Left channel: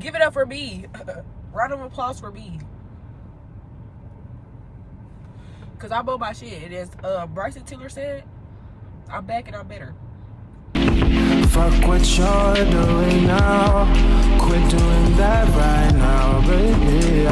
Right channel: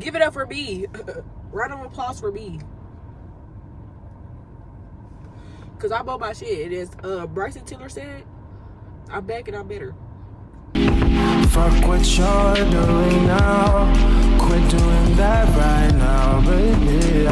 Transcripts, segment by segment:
Give it up for B. Round of applause for B. Cause I bought my shit. It is Bryson Tiller said, I'm back and I'm better. Fuck what you're doing now. Quit doing that right now, baby.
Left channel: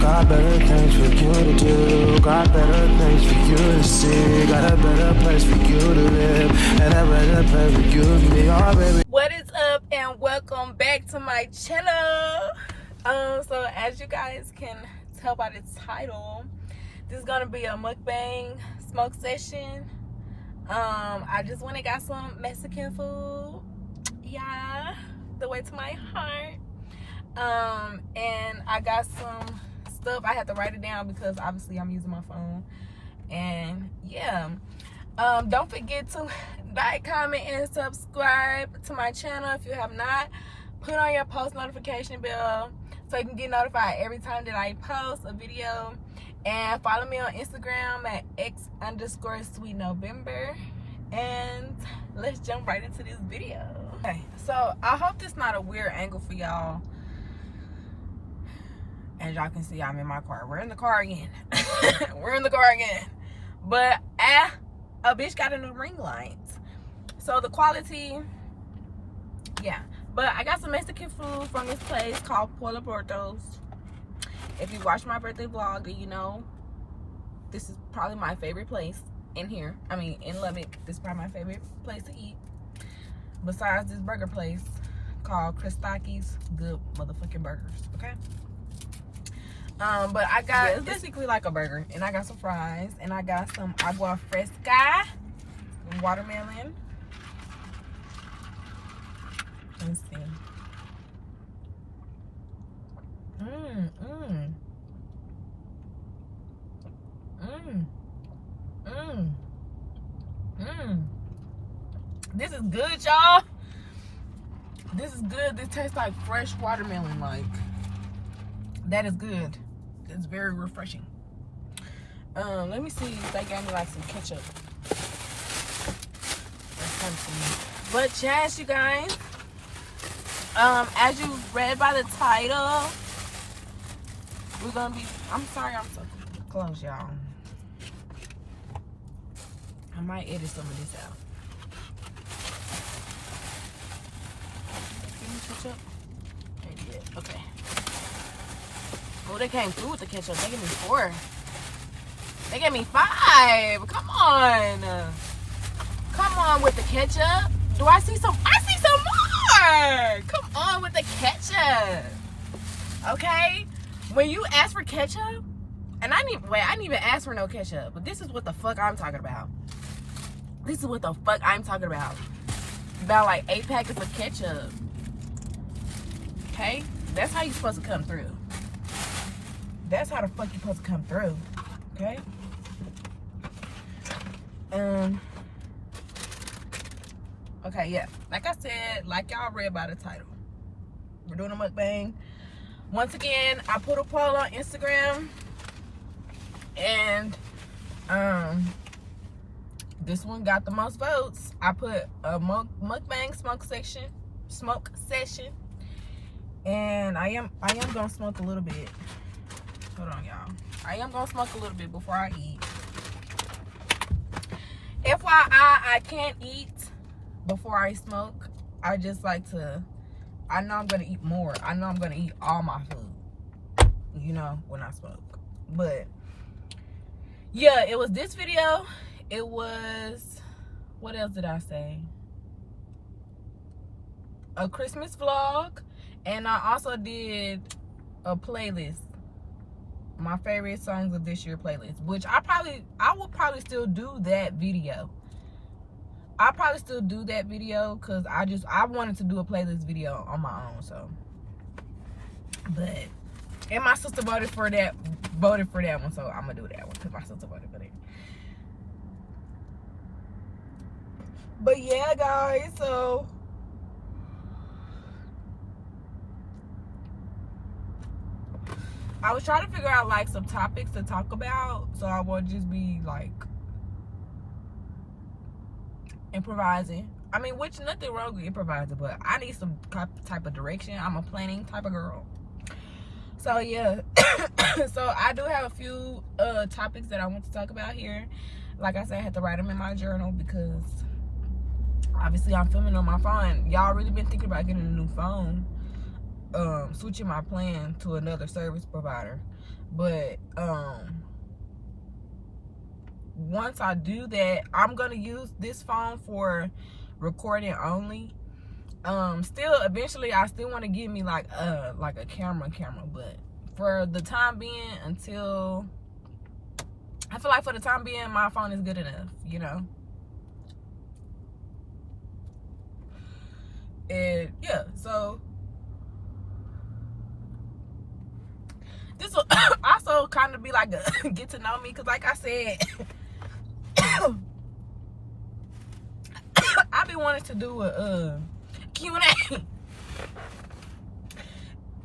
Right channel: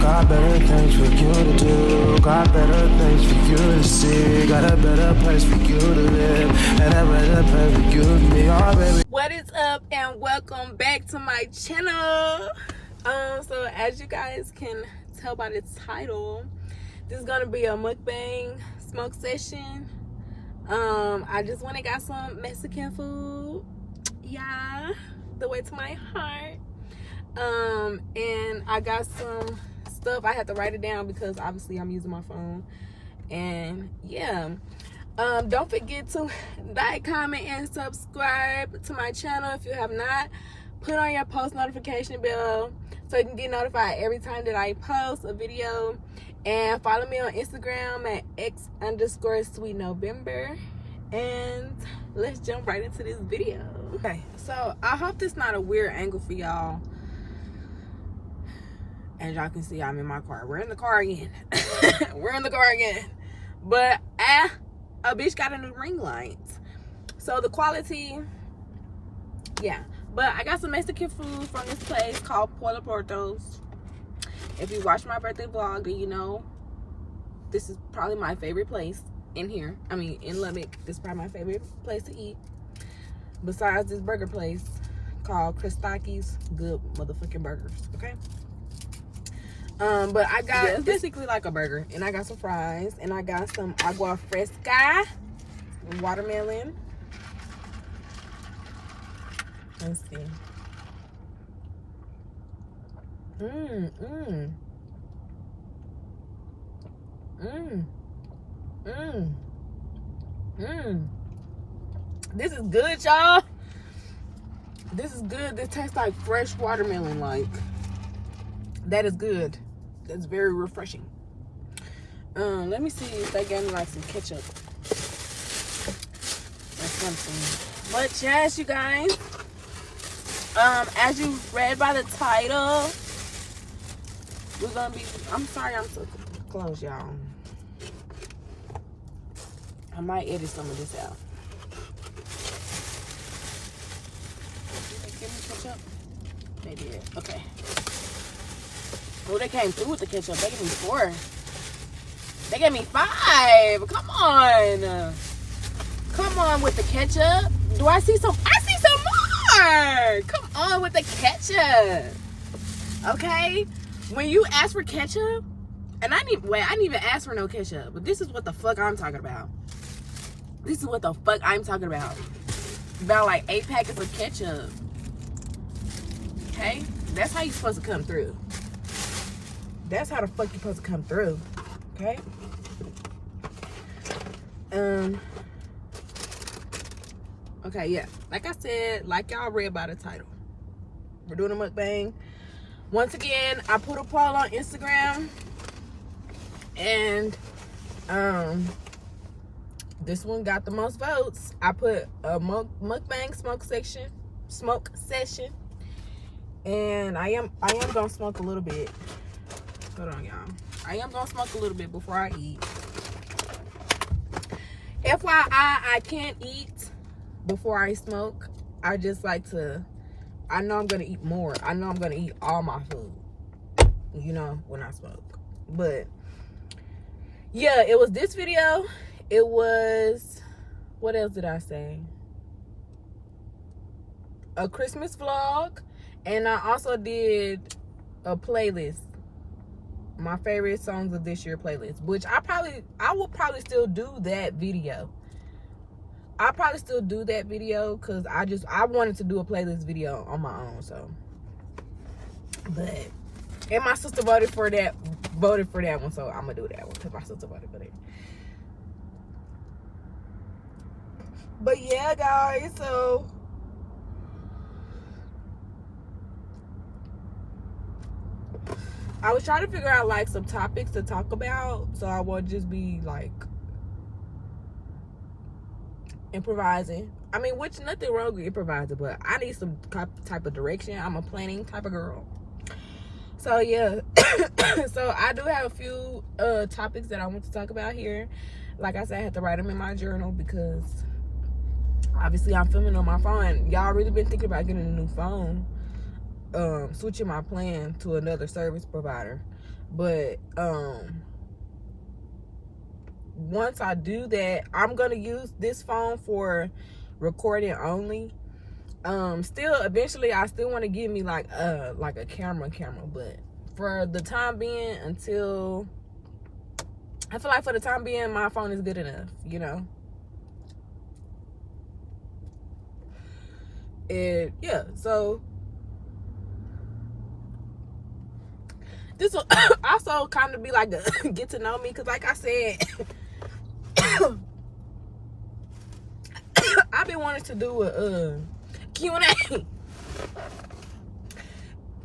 Got better things for you to do. Got better things for you to see. Got a better place for you to live. And a better place for you to be, oh baby. What is up and welcome back to my channel. So as you guys can tell by the title, this is gonna be a mukbang smoke session. I just went and got some Mexican food. Yeah, the way to my heart. And I got some stuff. I had to write it down because obviously I'm using my phone. And yeah, don't forget to like, comment, and subscribe to my channel if you have not. Put on your post notification bell so you can get notified every time that I post a video. And follow me on Instagram at x_sweetnovember. And let's jump right into this video. Okay, so I hope this not a weird angle for y'all. As y'all can see, I'm in my car. We're in the car again. We're in the car again. But a bitch got a new ring light. So the quality, yeah. But I got some Mexican food from this place called Pueblo Portos. If you watch my birthday vlog, then you know this is probably my favorite place in here. I mean, in Lubbock, this is probably my favorite place to eat. Besides this burger place called Crispakis. Good motherfucking burgers, okay? But I got, it's basically like a burger. And I got some fries. And I got some agua fresca, watermelon. Let's see. This is good, y'all. This is good. This tastes like fresh watermelon. Like, that is good. That's very refreshing. Let me see if they gave me like some ketchup or something. But yes, you guys, as you read by the title, we're gonna be, I'm sorry I'm so close, y'all. I might edit some of this out. Give me ketchup. They did. Okay. Oh, they came through with the ketchup. They gave me 4. They gave me 5. Come on. Come on with the ketchup. Do I see some? I see some more. Come on with the ketchup. Okay? When you ask for ketchup, and I didn't even ask for no ketchup, but this is what the fuck I'm talking about. This is what the fuck I'm talking about. About like 8 packets of ketchup. Okay? That's how you're supposed to come through. That's how the fuck you're supposed to come through. Okay? Okay, yeah. Like I said, like y'all read by the title, we're doing a mukbang. Once again, I put a poll on Instagram. And this one got the most votes. I put a mukbang smoke session. And I am gonna smoke a little bit. Hold on, y'all. I am gonna smoke a little bit before I eat. FYI, I can't eat before I smoke. I just like to, I know I'm gonna eat more. I know I'm gonna eat all my food, you know, when I smoke. But yeah, it was this video. It was, what else did I say? A Christmas vlog. And I also did a playlist. My favorite songs of this year playlist. Which I will probably still do that video. I'll probably still do that video because I wanted to do a playlist video on my own, so. But, and my sister voted for that one, so I'm gonna do that one because my sister voted for that. But yeah, guys, so I was trying to figure out like some topics to talk about, so I won't just be like improvising. I mean, which nothing wrong with improvising, but I need some type of direction. I'm a planning type of girl. So yeah, so I do have a few topics that I want to talk about here. Like I said, I had to write them in my journal because obviously I'm filming on my phone. Y'all really been thinking about getting a new phone, switching my plan to another service provider. But once I do that, I'm gonna use this phone for recording only. Still eventually I still want to get me like a camera, but for the time being, until I feel like for the time being my phone is good enough, you know. And yeah, so this will also kind of be like a get to know me, because like I said, I've been wanting to do a Q&A.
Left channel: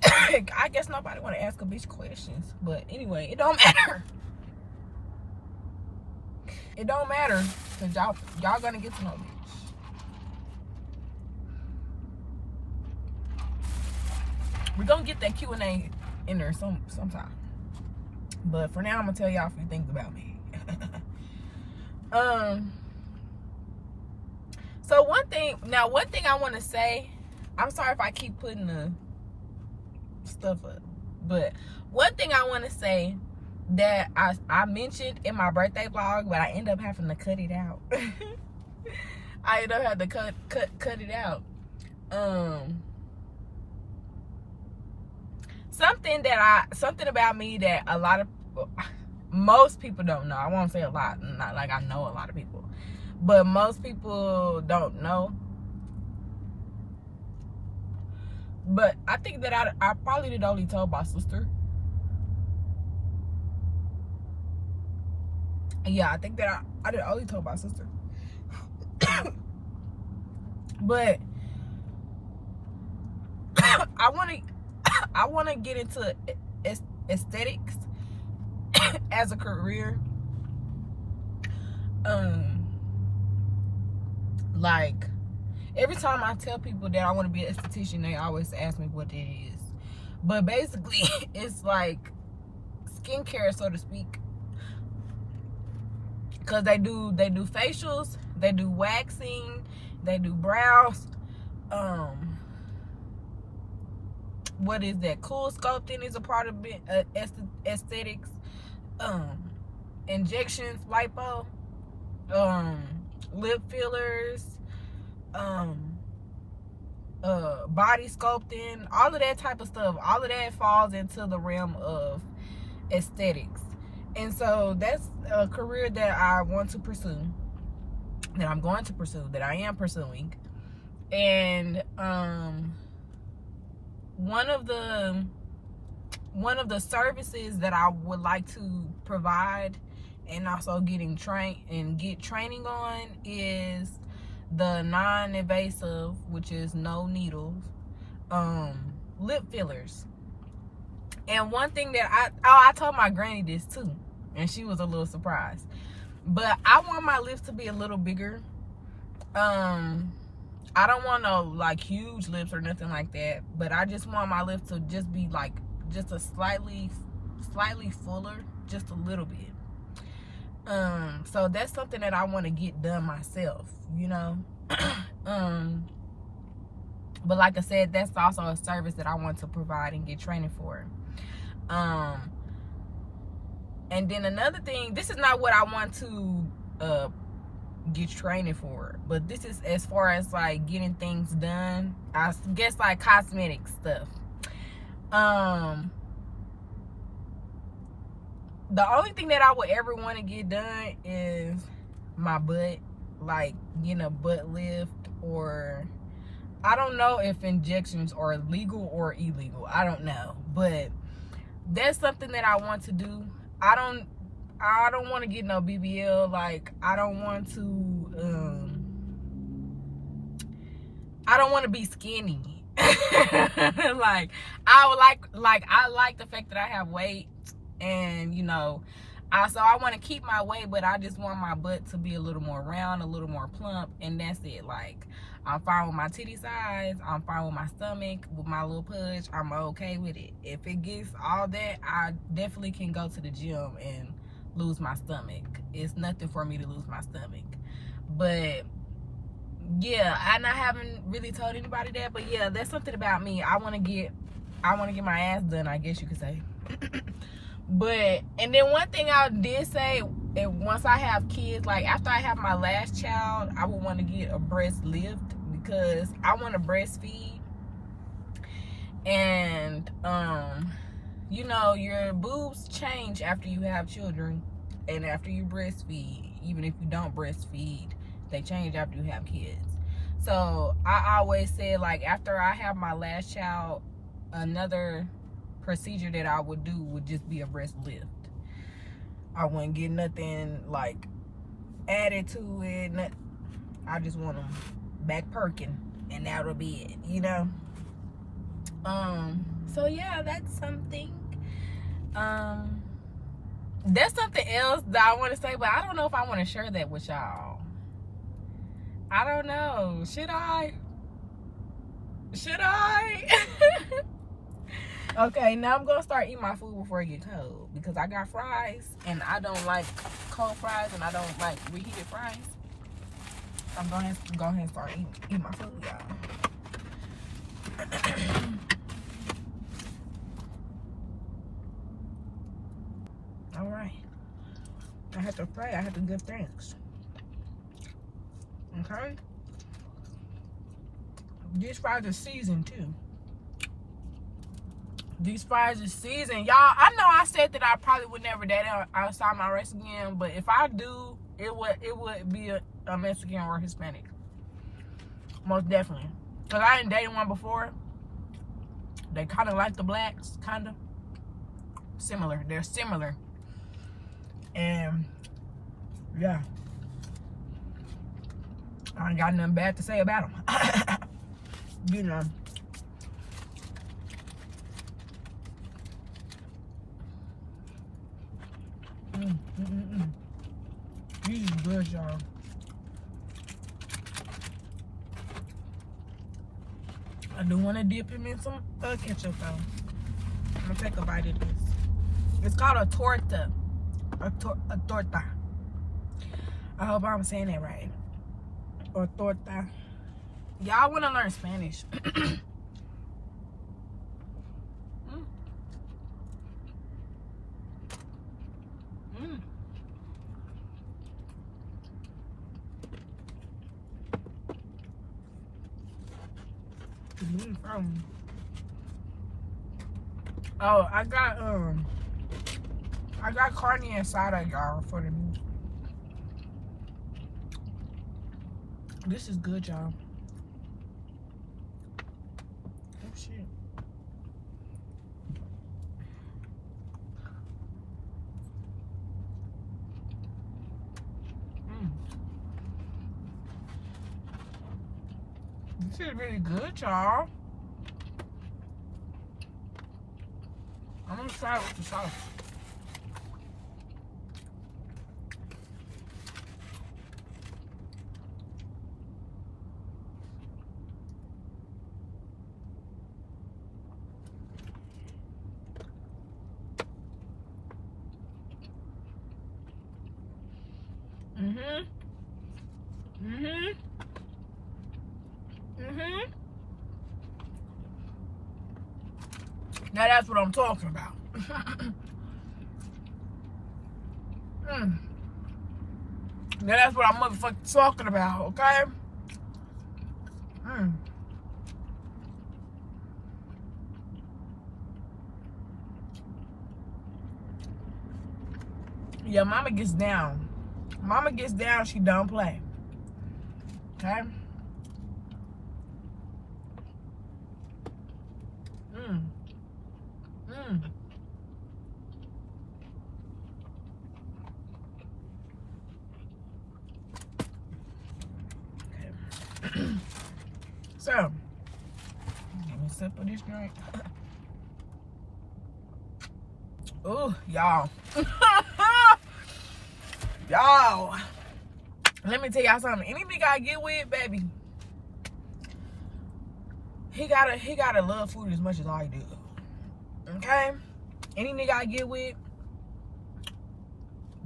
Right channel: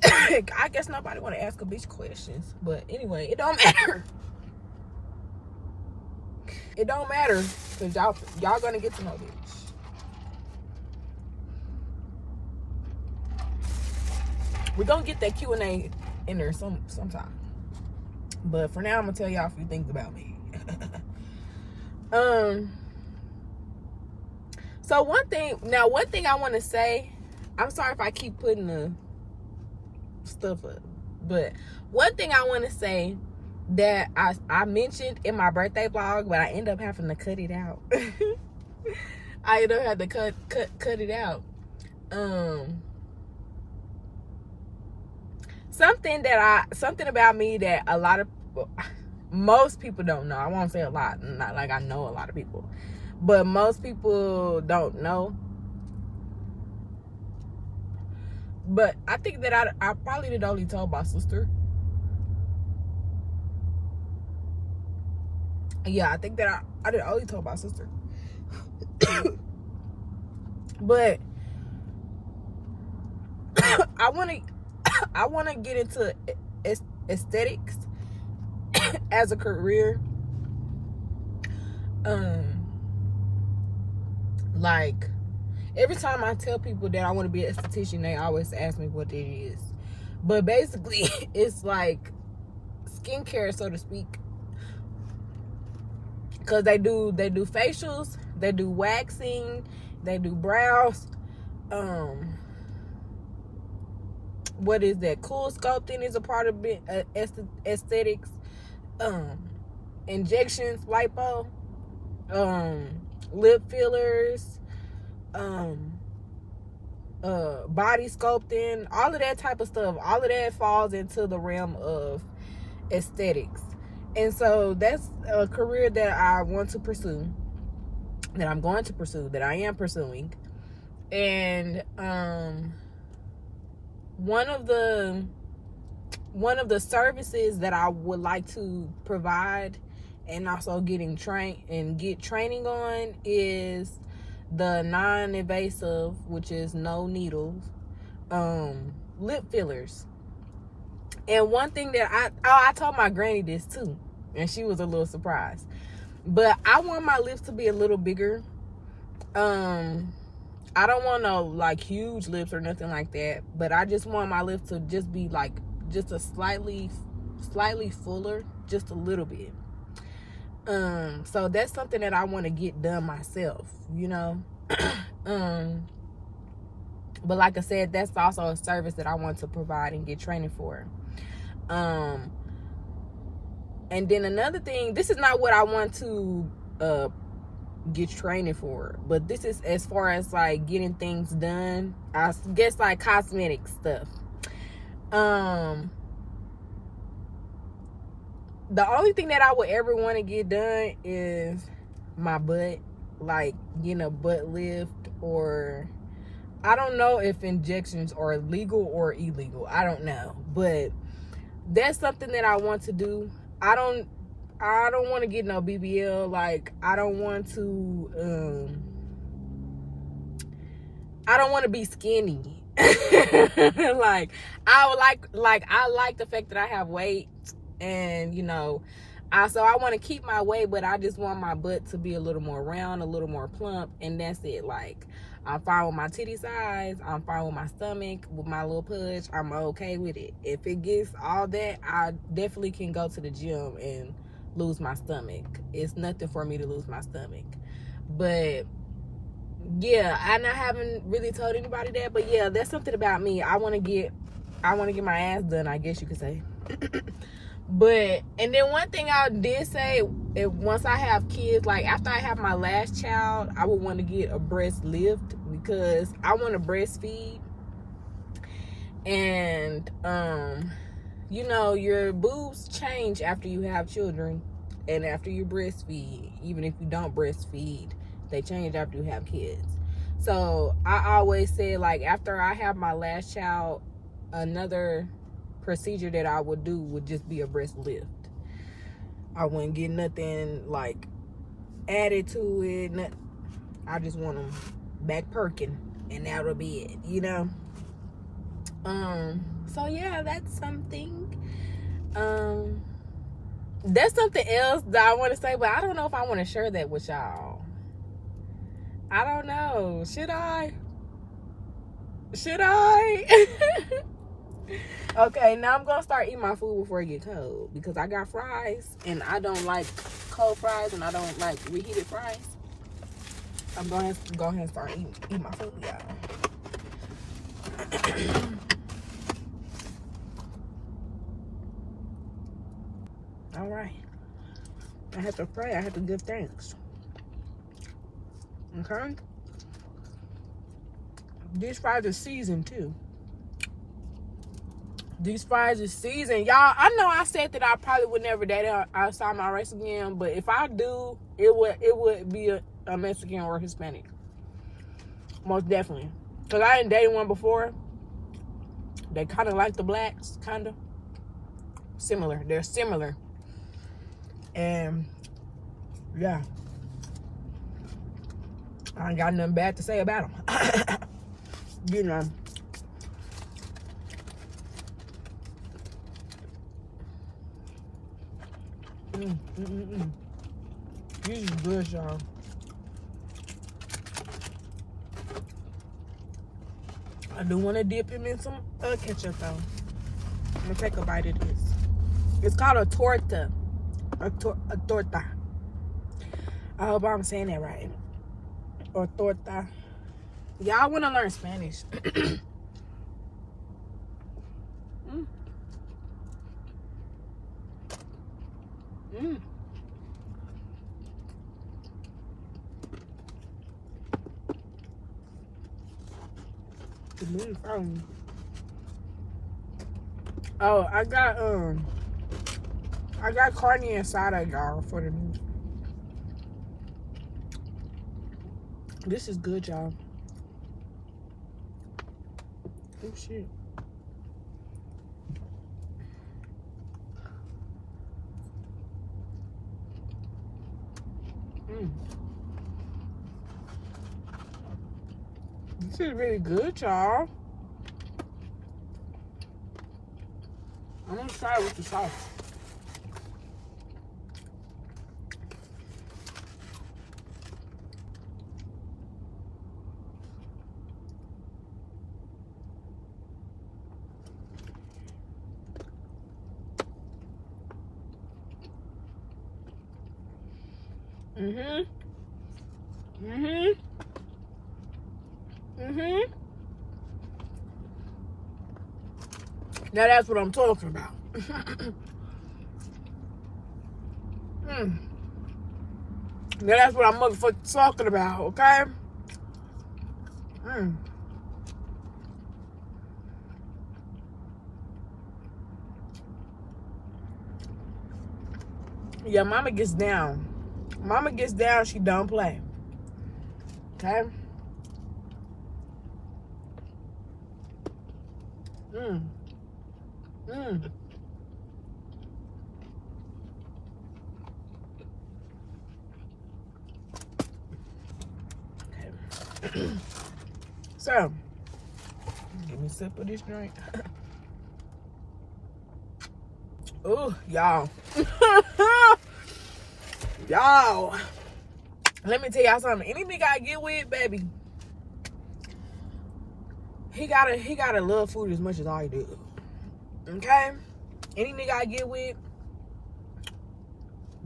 I guess nobody want to ask a bitch questions, but anyway, it don't matter. It don't matter, because y'all gonna get to know bitch. We're gonna get that Q&A in there sometime. But for now, I'm gonna tell y'all a few things about me. So one thing I want to say, I'm sorry if I keep putting the stuff up, but one thing I want to say that I mentioned in my birthday vlog, but I end up having to cut it out. I end up having to cut it out. Something about me that most people don't know. I won't say a lot, not like I know a lot of people, but most people don't know. But I think that I probably did only tell my sister. Yeah, I think that I did only tell my sister. But I want to get into aesthetics as a career. Like every time I tell people that I want to be an esthetician, they always ask me what it is. But basically, it's like skincare, so to speak. Cause they do facials, they do waxing, they do brows. What is that? Cool sculpting is a part of aesthetics. Injections, lipo, lip fillers, body sculpting, all of that type of stuff. All of that falls into the realm of aesthetics. And so that's a career that I want to pursue, that I'm going to pursue, that I am pursuing. And one of the services that I would like to provide and also get training on is the non-invasive, which is no needles, lip fillers. And one thing that I told my granny this too, and she was a little surprised. But I want my lips to be a little bigger. I don't want no like huge lips or nothing like that, but I just want my lips to just be like just a slightly fuller, just a little bit. So that's something that I want to get done myself, you know. But like I said, that's also a service that I want to provide and get training for. And then another thing, this is not what I want to get training for, but this is as far as like getting things done, I guess, like cosmetic stuff. The only thing that I would ever want to get done is my butt, like getting a butt lift, or I don't know if injections are legal or illegal. I don't know, but that's something that I want to do. I don't want to get no BBL. Like I don't want to be skinny. Like I like the fact that I have weight, and you know, so I want to keep my weight, but I just want my butt to be a little more round, a little more plump, and that's it. Like I'm fine with my titty size. I'm fine with my stomach, with my little pudge. I'm okay with it. If it gets all that, I definitely can go to the gym and lose my stomach. It's nothing for me to lose my stomach. But yeah, and I haven't really told anybody that, but yeah, that's something about me. I want to get my ass done, I guess you could say. But, and then one thing I did say, if once I have kids, like after I have my last child, I would want to get a breast lift because I want to breastfeed. And you know, your boobs change after you have children and after you breastfeed. Even if you don't breastfeed, they change after you have kids. So I always say, like, after I have my last child, another procedure that I would do would just be a breast lift. I wouldn't get nothing like added to it. I just want them back perking, and that'll be it, you know. So yeah, that's something. There's something else that I want to say, but I don't know if I want to share that with y'all. I don't know. Should I? Okay, now I'm gonna start eating my food before it get cold because I got fries and I don't like cold fries and I don't like reheated fries. I'm going to go ahead and start eating my food, y'all. All right. I have to pray. I have to give thanks. Okay? These fries are seasoned too. These fries are seasoned. Y'all, I know I said that I probably would never date outside my race again, but if I do, it would be a Mexican or Hispanic. Most definitely. Because I didn't date one before. They kind of like the blacks, kind of. Similar. They're similar. And, yeah. I ain't got nothing bad to say about them. You know. This is good, y'all. I do want to dip him in some ketchup, though. I'm going to take a bite of this. It's called a torta. A torta. I hope I'm saying that right. Or torta. Y'all want to learn Spanish. Oh, I got carne asada, y'all, for the meat. This is good, y'all. Oh shit. This is really good, y'all. I'm gonna try it with the sauce. Now that's what I'm talking about. Now that's what I'm motherfucking talking about, okay? Yeah, mama gets down. Mama gets down, she don't play. Okay? Okay. So, give me a sip of this drink. Oh, y'all. Y'all. Let me tell y'all something. Anything I get with, baby, he gotta love food as much as I do. Okay? Any nigga I get with,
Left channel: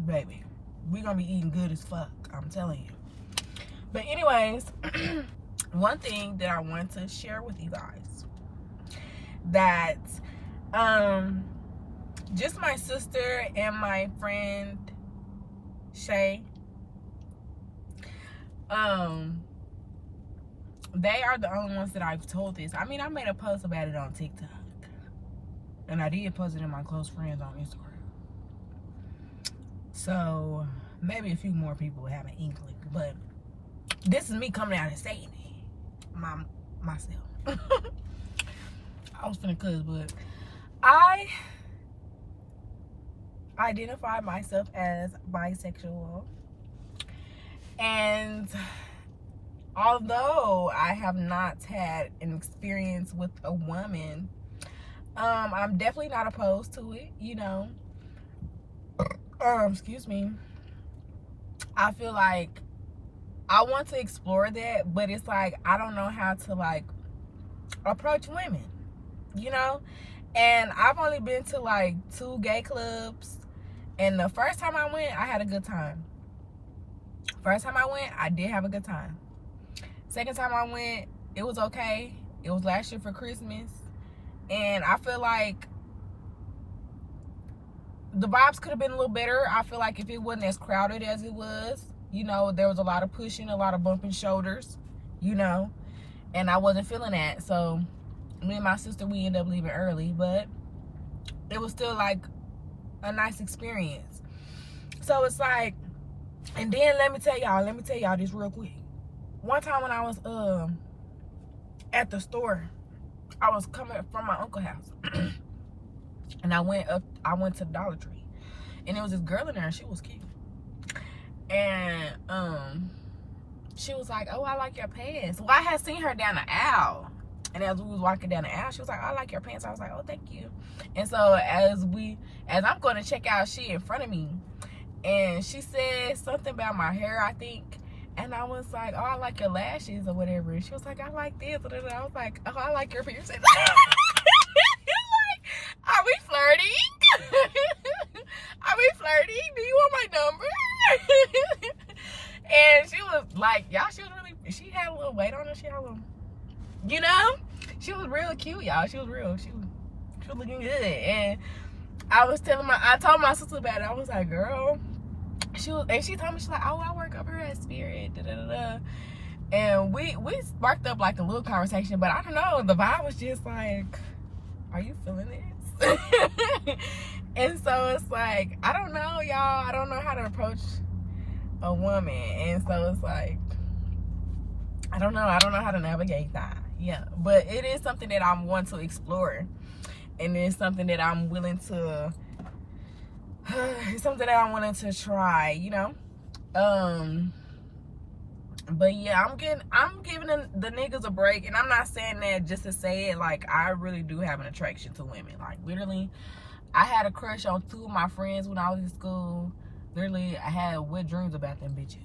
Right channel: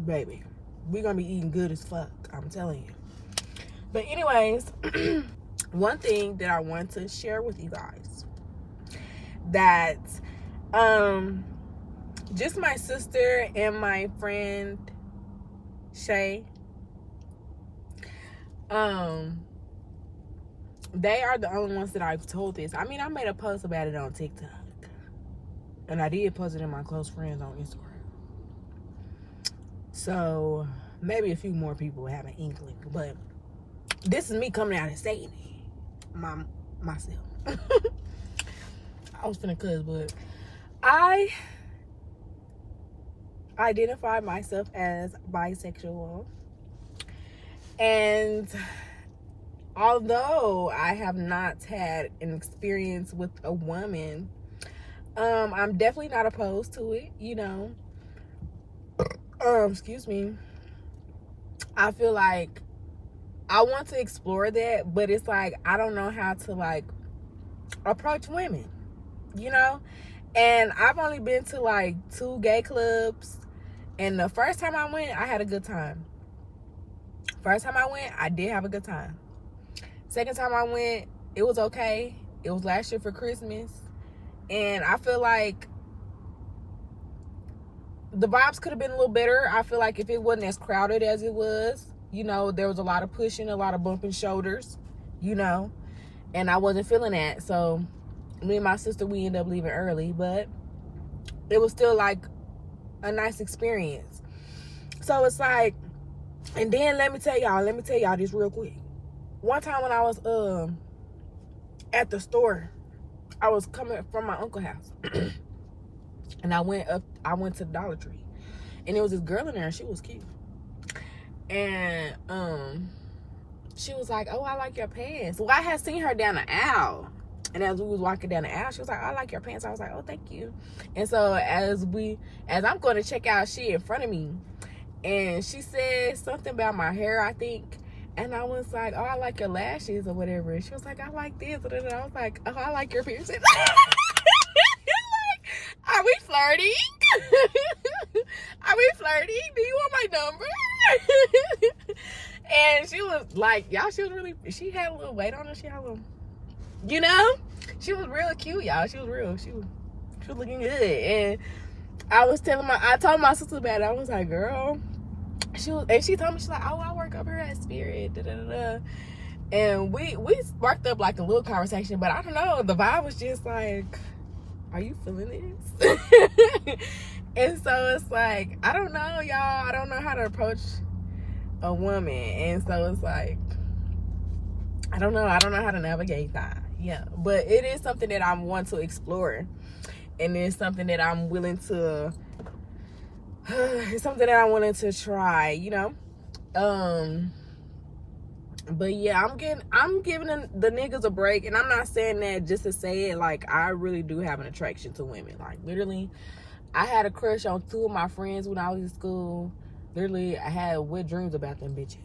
baby, we gonna be eating good as fuck. I'm telling you. But anyways, one thing that I want to share with you guys, that just my sister and my friend Shay, they are the only ones that I've told this. I mean, I made a post about it on TikTok, and I did post it in my close friends on Instagram. So maybe a few more people have an inkling, but this is me coming out and saying it myself. I was finna cuss, but I identify myself as bisexual, and although I have not had an experience with a woman, I'm definitely not opposed to it, you know. Excuse me. I feel like I want to explore that, but it's like I don't know how to like approach women, you know. And I've only been to like 2 gay clubs, and the first time I went, I had a good time. First time I went, I did have a good time. Second time I went, it was okay. It was last year for Christmas, and I feel like the vibes could have been a little better. I feel like if it wasn't as crowded as it was, you know, there was a lot of pushing, a lot of bumping shoulders, you know, and I wasn't feeling that. So me and my sister, we ended up leaving early, but it was still like a nice experience. So it's like, and then let me tell y'all this real quick. One time when I was at the store, I was coming from my uncle's house. And I went to the Dollar Tree, and there was this girl in there, and she was cute. And she was like, "Oh, I like your pants." Well, I had seen her down the aisle, and as we was walking down the aisle, she was like, "I like your pants." I was like, "Oh, thank you." And so as I'm going to check out, she in front of me, and she said something about my hair, I think. And I was like, "Oh, I like your lashes," or whatever. And she was like, "I like this." And I was like, "Oh, I like your piercing." Are we flirting? Are we flirting? Do you want my number? And she was like, y'all, she had a little weight on her. She had a little, you know? She was real cute, y'all. She was looking good. And I told my sister about it. I was like, girl, she told me, she's like, "Oh, I work over here at Spirit. Da, da, da, da." And we sparked up like a little conversation, but I don't know. The vibe was just like, are you feeling this? And so it's like, I don't know, y'all. I don't know how to approach a woman. And so it's like, I don't know how to navigate that. Yeah. But it is something that I want to explore. And it's something that I'm willing to, it's something that I wanted to try, you know? But yeah, I'm giving the niggas a break, and I'm not saying that just to say it. Like, I really do have an attraction to women. Like, literally, I had a crush on 2 of my friends when I was in school. Literally, I had wet dreams about them bitches.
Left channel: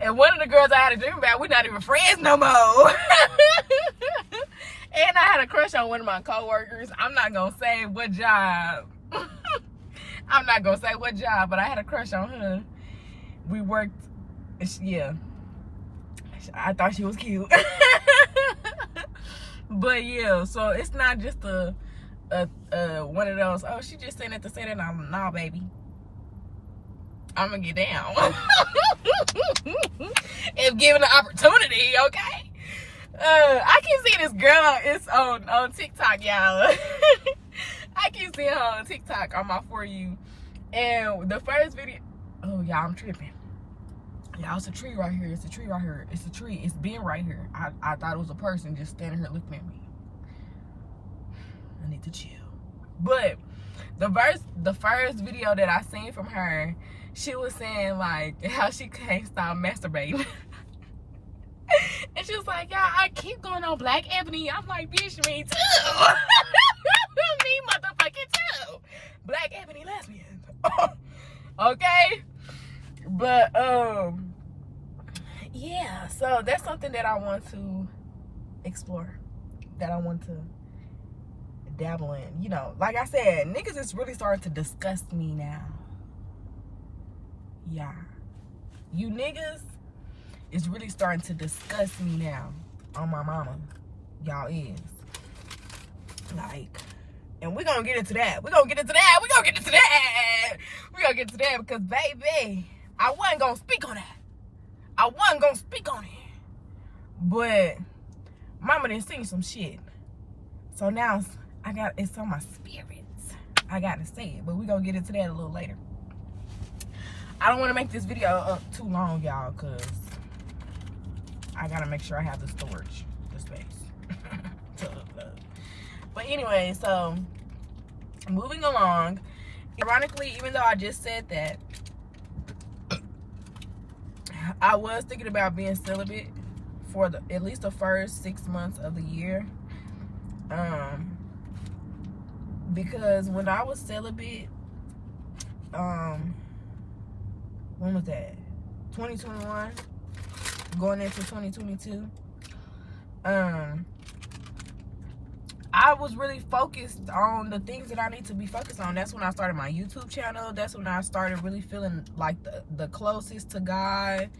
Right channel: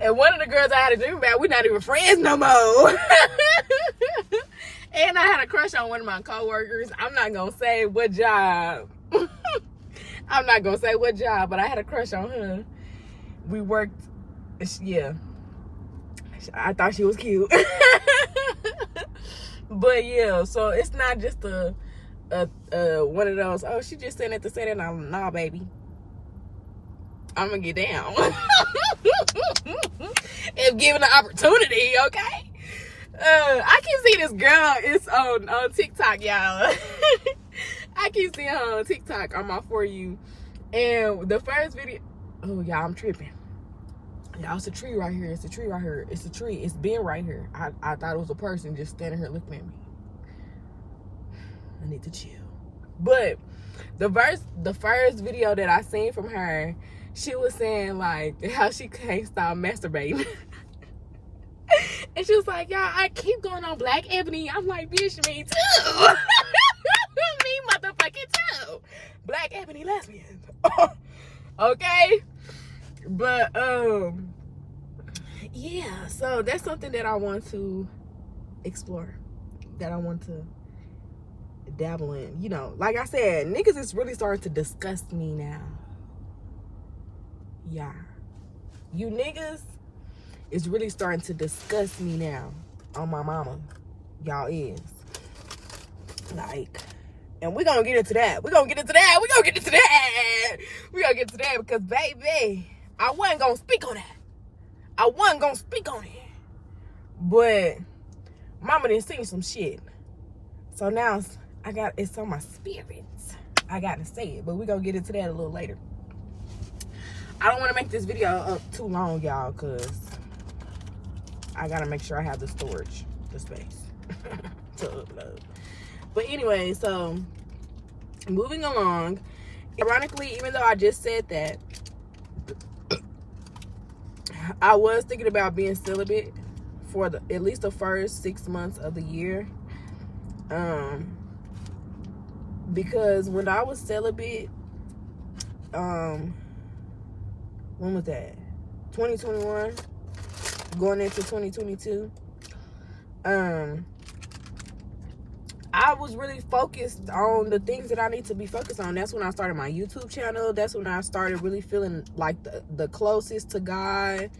And one of the girls I had a dream about, we're not even friends no more. And I had a crush on one of my coworkers. I'm not gonna say what job. I'm not gonna say what job, but I had a crush on her. We worked, yeah. I thought she was cute. But yeah, so it's not just a one of those, oh, she just saying it to say that. Nah, baby, I'm gonna get down. If given the opportunity, okay? I keep seeing this girl, it's on TikTok, y'all. I keep seeing her on TikTok on my For You. And the first video, oh, y'all, I'm tripping. Y'all, it's a tree right here. It's a tree right here. It's a tree. It's been right here. I thought it was a person just standing here looking at me. I need to chill. But the first video that I seen from her, she was saying, like, how she can't stop masturbating. And she was like, "Yeah, I keep going on Black Ebony." I'm like, bitch, me too. Me motherfucking too. Black Ebony lesbian. Okay? But, yeah, so that's something that I want to explore, that I want to dabble in. You know, like I said, niggas is really starting to disgust me now. Yeah, you niggas is really starting to disgust me now. On my mama, y'all is like, and we're gonna get into that. We're gonna get into that. We're gonna get into that. We're gonna get into that because, baby, I wasn't gonna speak on that. I wasn't gonna speak on it, but mama done seen some shit, so now it's on my spirit. I gotta say it, but we're gonna get into that a little later. I don't want to make this video up too long, y'all, because I gotta make sure I have the storage, the space to upload. But anyway, so moving along. Ironically, even though I just said that, I was thinking about being celibate for at least the first 6 months of the year. Because when I was celibate, when was that? 2021, going into 2022. I was really focused on the things that I need to be focused on. That's when I started my YouTube channel. That's when I started really feeling like the closest to God.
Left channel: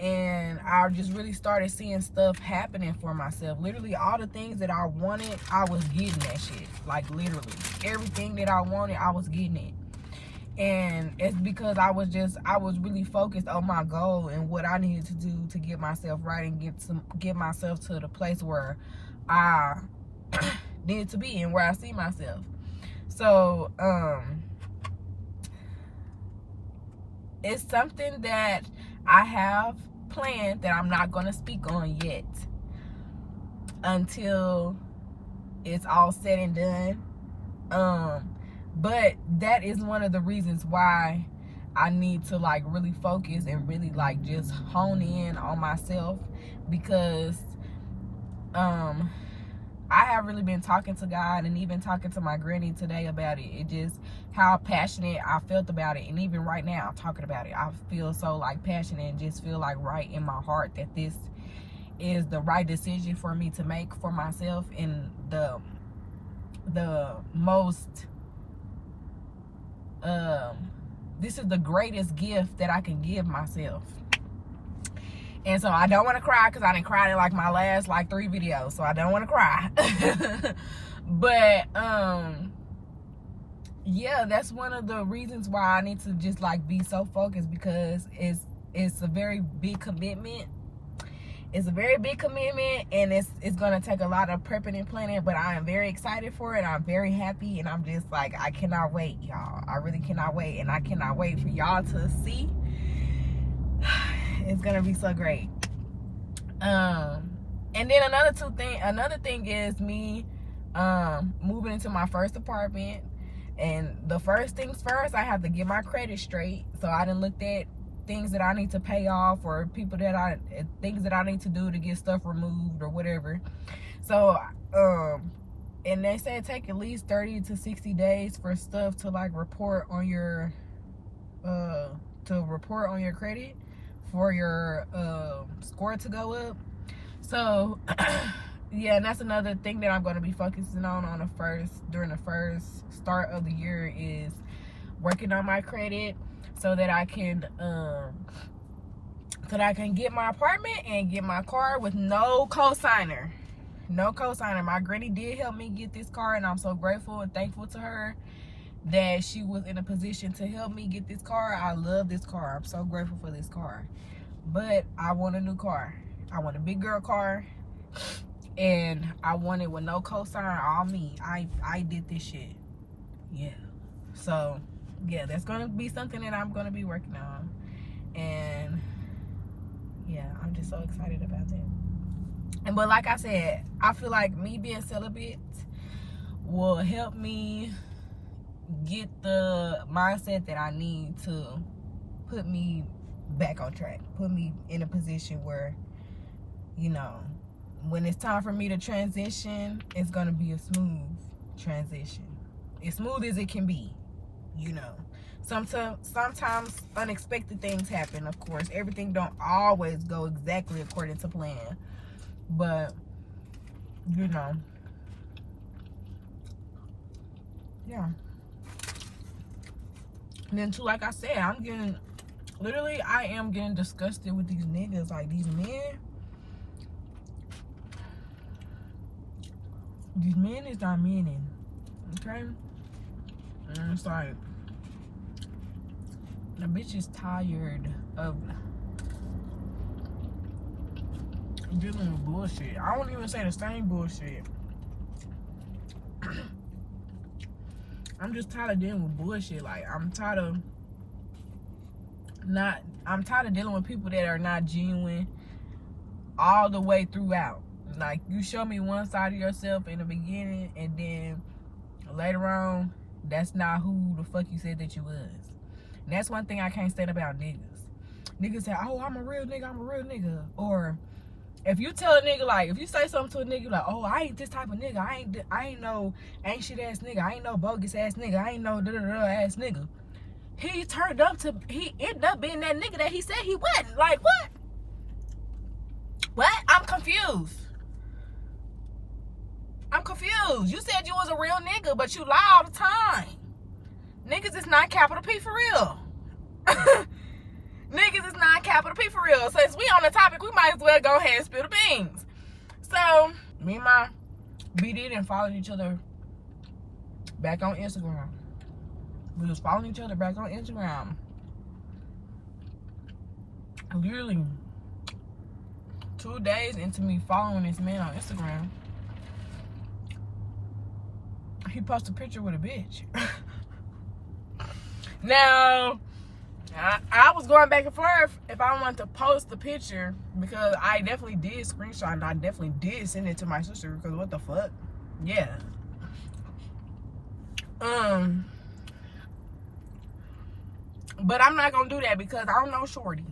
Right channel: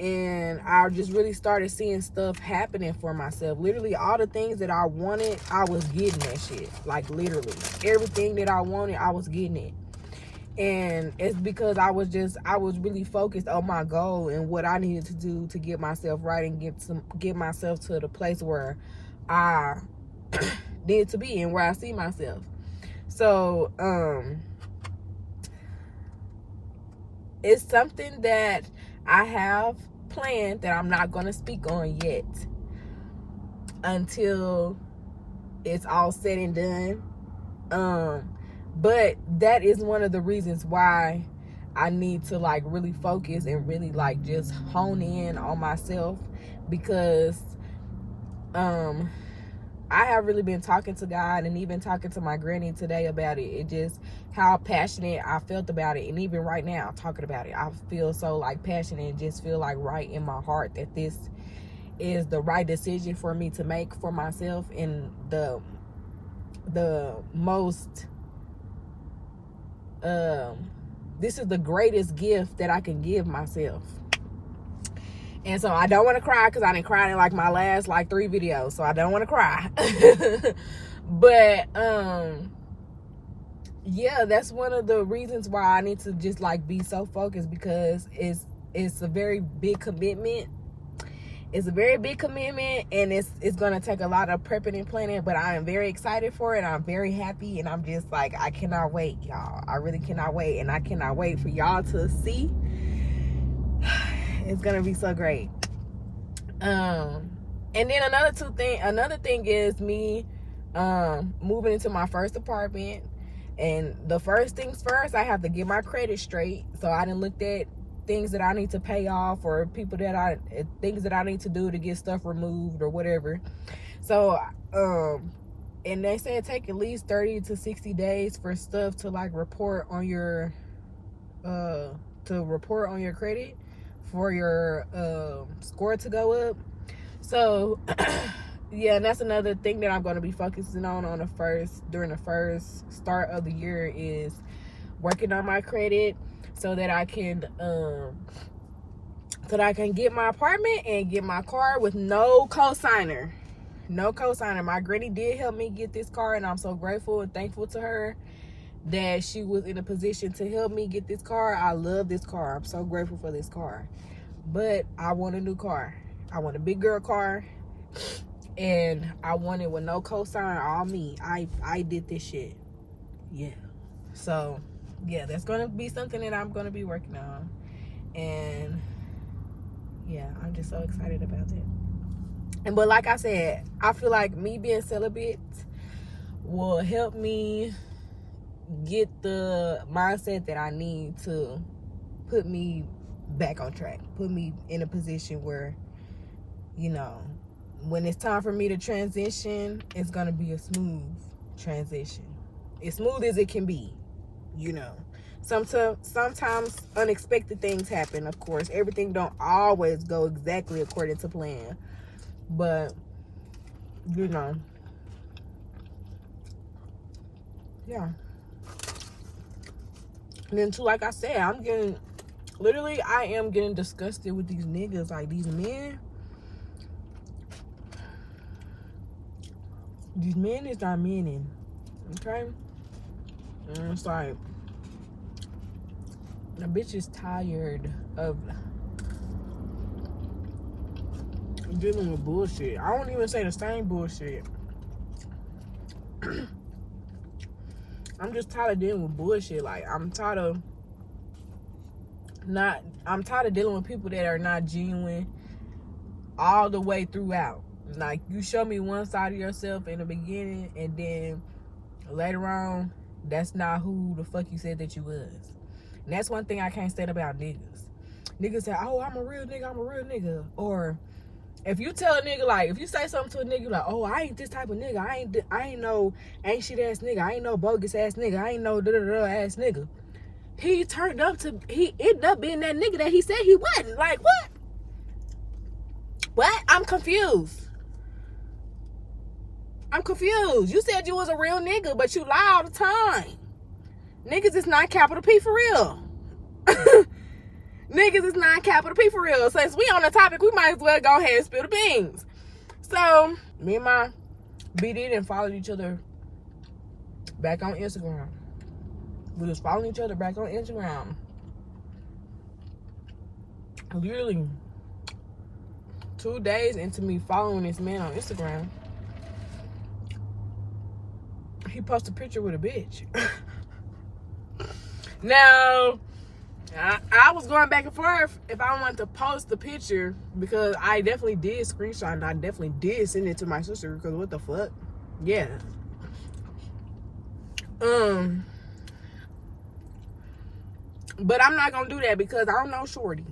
And I just really started seeing stuff happening for myself. Literally, all the things that I wanted, I was getting that shit. Like, literally. Everything that I wanted, I was getting it. And it's because I was really focused on my goal and what I needed to do to get myself right and get myself to the place where I need to be and where I see myself. So it's something that I have planned that I'm not going to speak on yet until it's all said and done. But that is one of the reasons why I need to like really focus and really like just hone in on myself, because I have really been talking to God and even talking to my granny today about it. It just how passionate I felt about it. And even right now, talking about it, I feel so like passionate and just feel like right in my heart that this is the right decision for me to make for myself, and the most this is the greatest gift that I can give myself. And so I don't want to cry, because I didn't cry in like my last like 3 videos, so I don't want to cry. But yeah, that's one of the reasons why I need to just like be so focused, because it's a very big commitment. It's a very big commitment, and it's gonna take a lot of prepping and planning, but I am very excited for it. I'm very happy, and I'm just like, I cannot wait, y'all. I really cannot wait, and I cannot wait for y'all to see. It's gonna be so great. And then another thing is me moving into my first apartment. And the first things first, I have to get my credit straight. So I done looked at things that I need to pay off, or things that I need to do to get stuff removed or whatever. So and they say it take at least 30 to 60 days for stuff to like report on your credit, for your score to go up. So yeah, and that's another thing that I'm going to be focusing on during the first start of the year, is working on my credit, so that I can get my apartment and get my car with no cosigner. My granny did help me get this car, and I'm so grateful and thankful to her that she was in a position to help me get this car. I love this car. I'm so grateful for this car. But I want a new car. I want a big girl car, and I want it with no cosign, all me. I did this shit. Yeah. So yeah, that's gonna be something that I'm gonna be working on, and yeah, I'm just so excited about that. But like I said, I feel like me being celibate will help me get the mindset that I need to put me back on track, put me in a position where, you know, when it's time for me to transition, it's gonna be a smooth transition, as smooth as it can be, you know. Sometimes unexpected things happen, of course. Everything don't always go exactly according to plan. But, you know. Yeah. And then too, like I said, I am getting disgusted with these niggas. Like, these men. These men is not meaning. Okay? And it's like, the bitch is tired of dealing with bullshit. I don't even say the same bullshit. I'm just tired of dealing with bullshit. Like, I'm tired of dealing with people that are not genuine all the way throughout. Like, you show me one side of yourself in the beginning, and then later on, that's not who the fuck you said that you was. And that's one thing I can't stand about niggas. Niggas say, oh, I'm a real nigga. Or if you tell a nigga, like, if you say something to a nigga, like, oh, I ain't this type of nigga. I ain't no ain't shit ass nigga. I ain't no bogus ass nigga. I ain't no da-da-da ass nigga. He ended up being that nigga that he said he wasn't. Like, what? What? I'm confused. You said you was a real nigga, but you lie all the time. Niggas is not capital P for real. Niggas is not capital P for real. Since we on the topic, we might as well go ahead and spill the beans. So, me and my BD didn't follow each other back on Instagram. We was following each other back on Instagram. Literally 2 days into me following this man on Instagram, he posted a picture with a bitch. Now, I was going back and forth if I wanted to post the picture, because I definitely did screenshot and I definitely did send it to my sister, because what the fuck? Yeah. But I'm not gonna do that because I don't know shorty.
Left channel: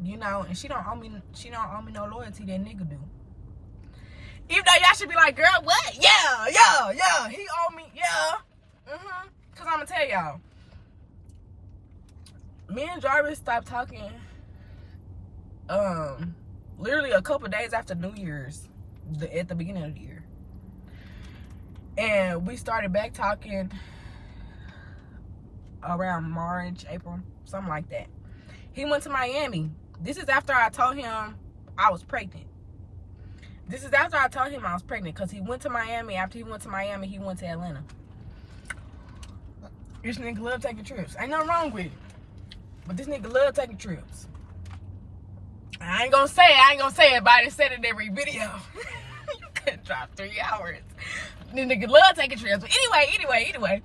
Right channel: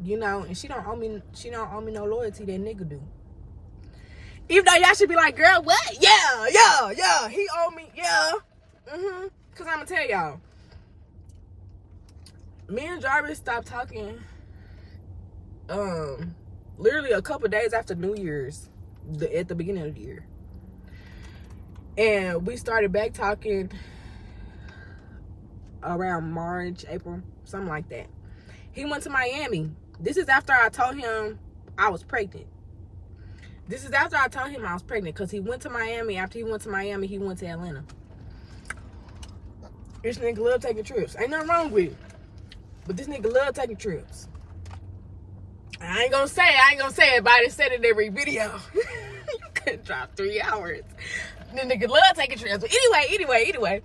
You know, and she don't owe me no loyalty that nigga do. Even though y'all should be like, girl, what? Yeah. He owe me, yeah. Cause I'm gonna tell y'all. Me and Jarvis stopped talking literally a couple days after New Year's, at the beginning of the year. And we started back talking around March, April, something like that. He went to Miami. This is after I told him I was pregnant. Because he went to Miami. After he went to Miami, he went to Atlanta. This nigga love taking trips. Ain't nothing wrong with it. But this nigga love taking trips. I ain't gonna say it, but I done said it in every video. Could drop 3 hours. This nigga love taking trips. But anyway.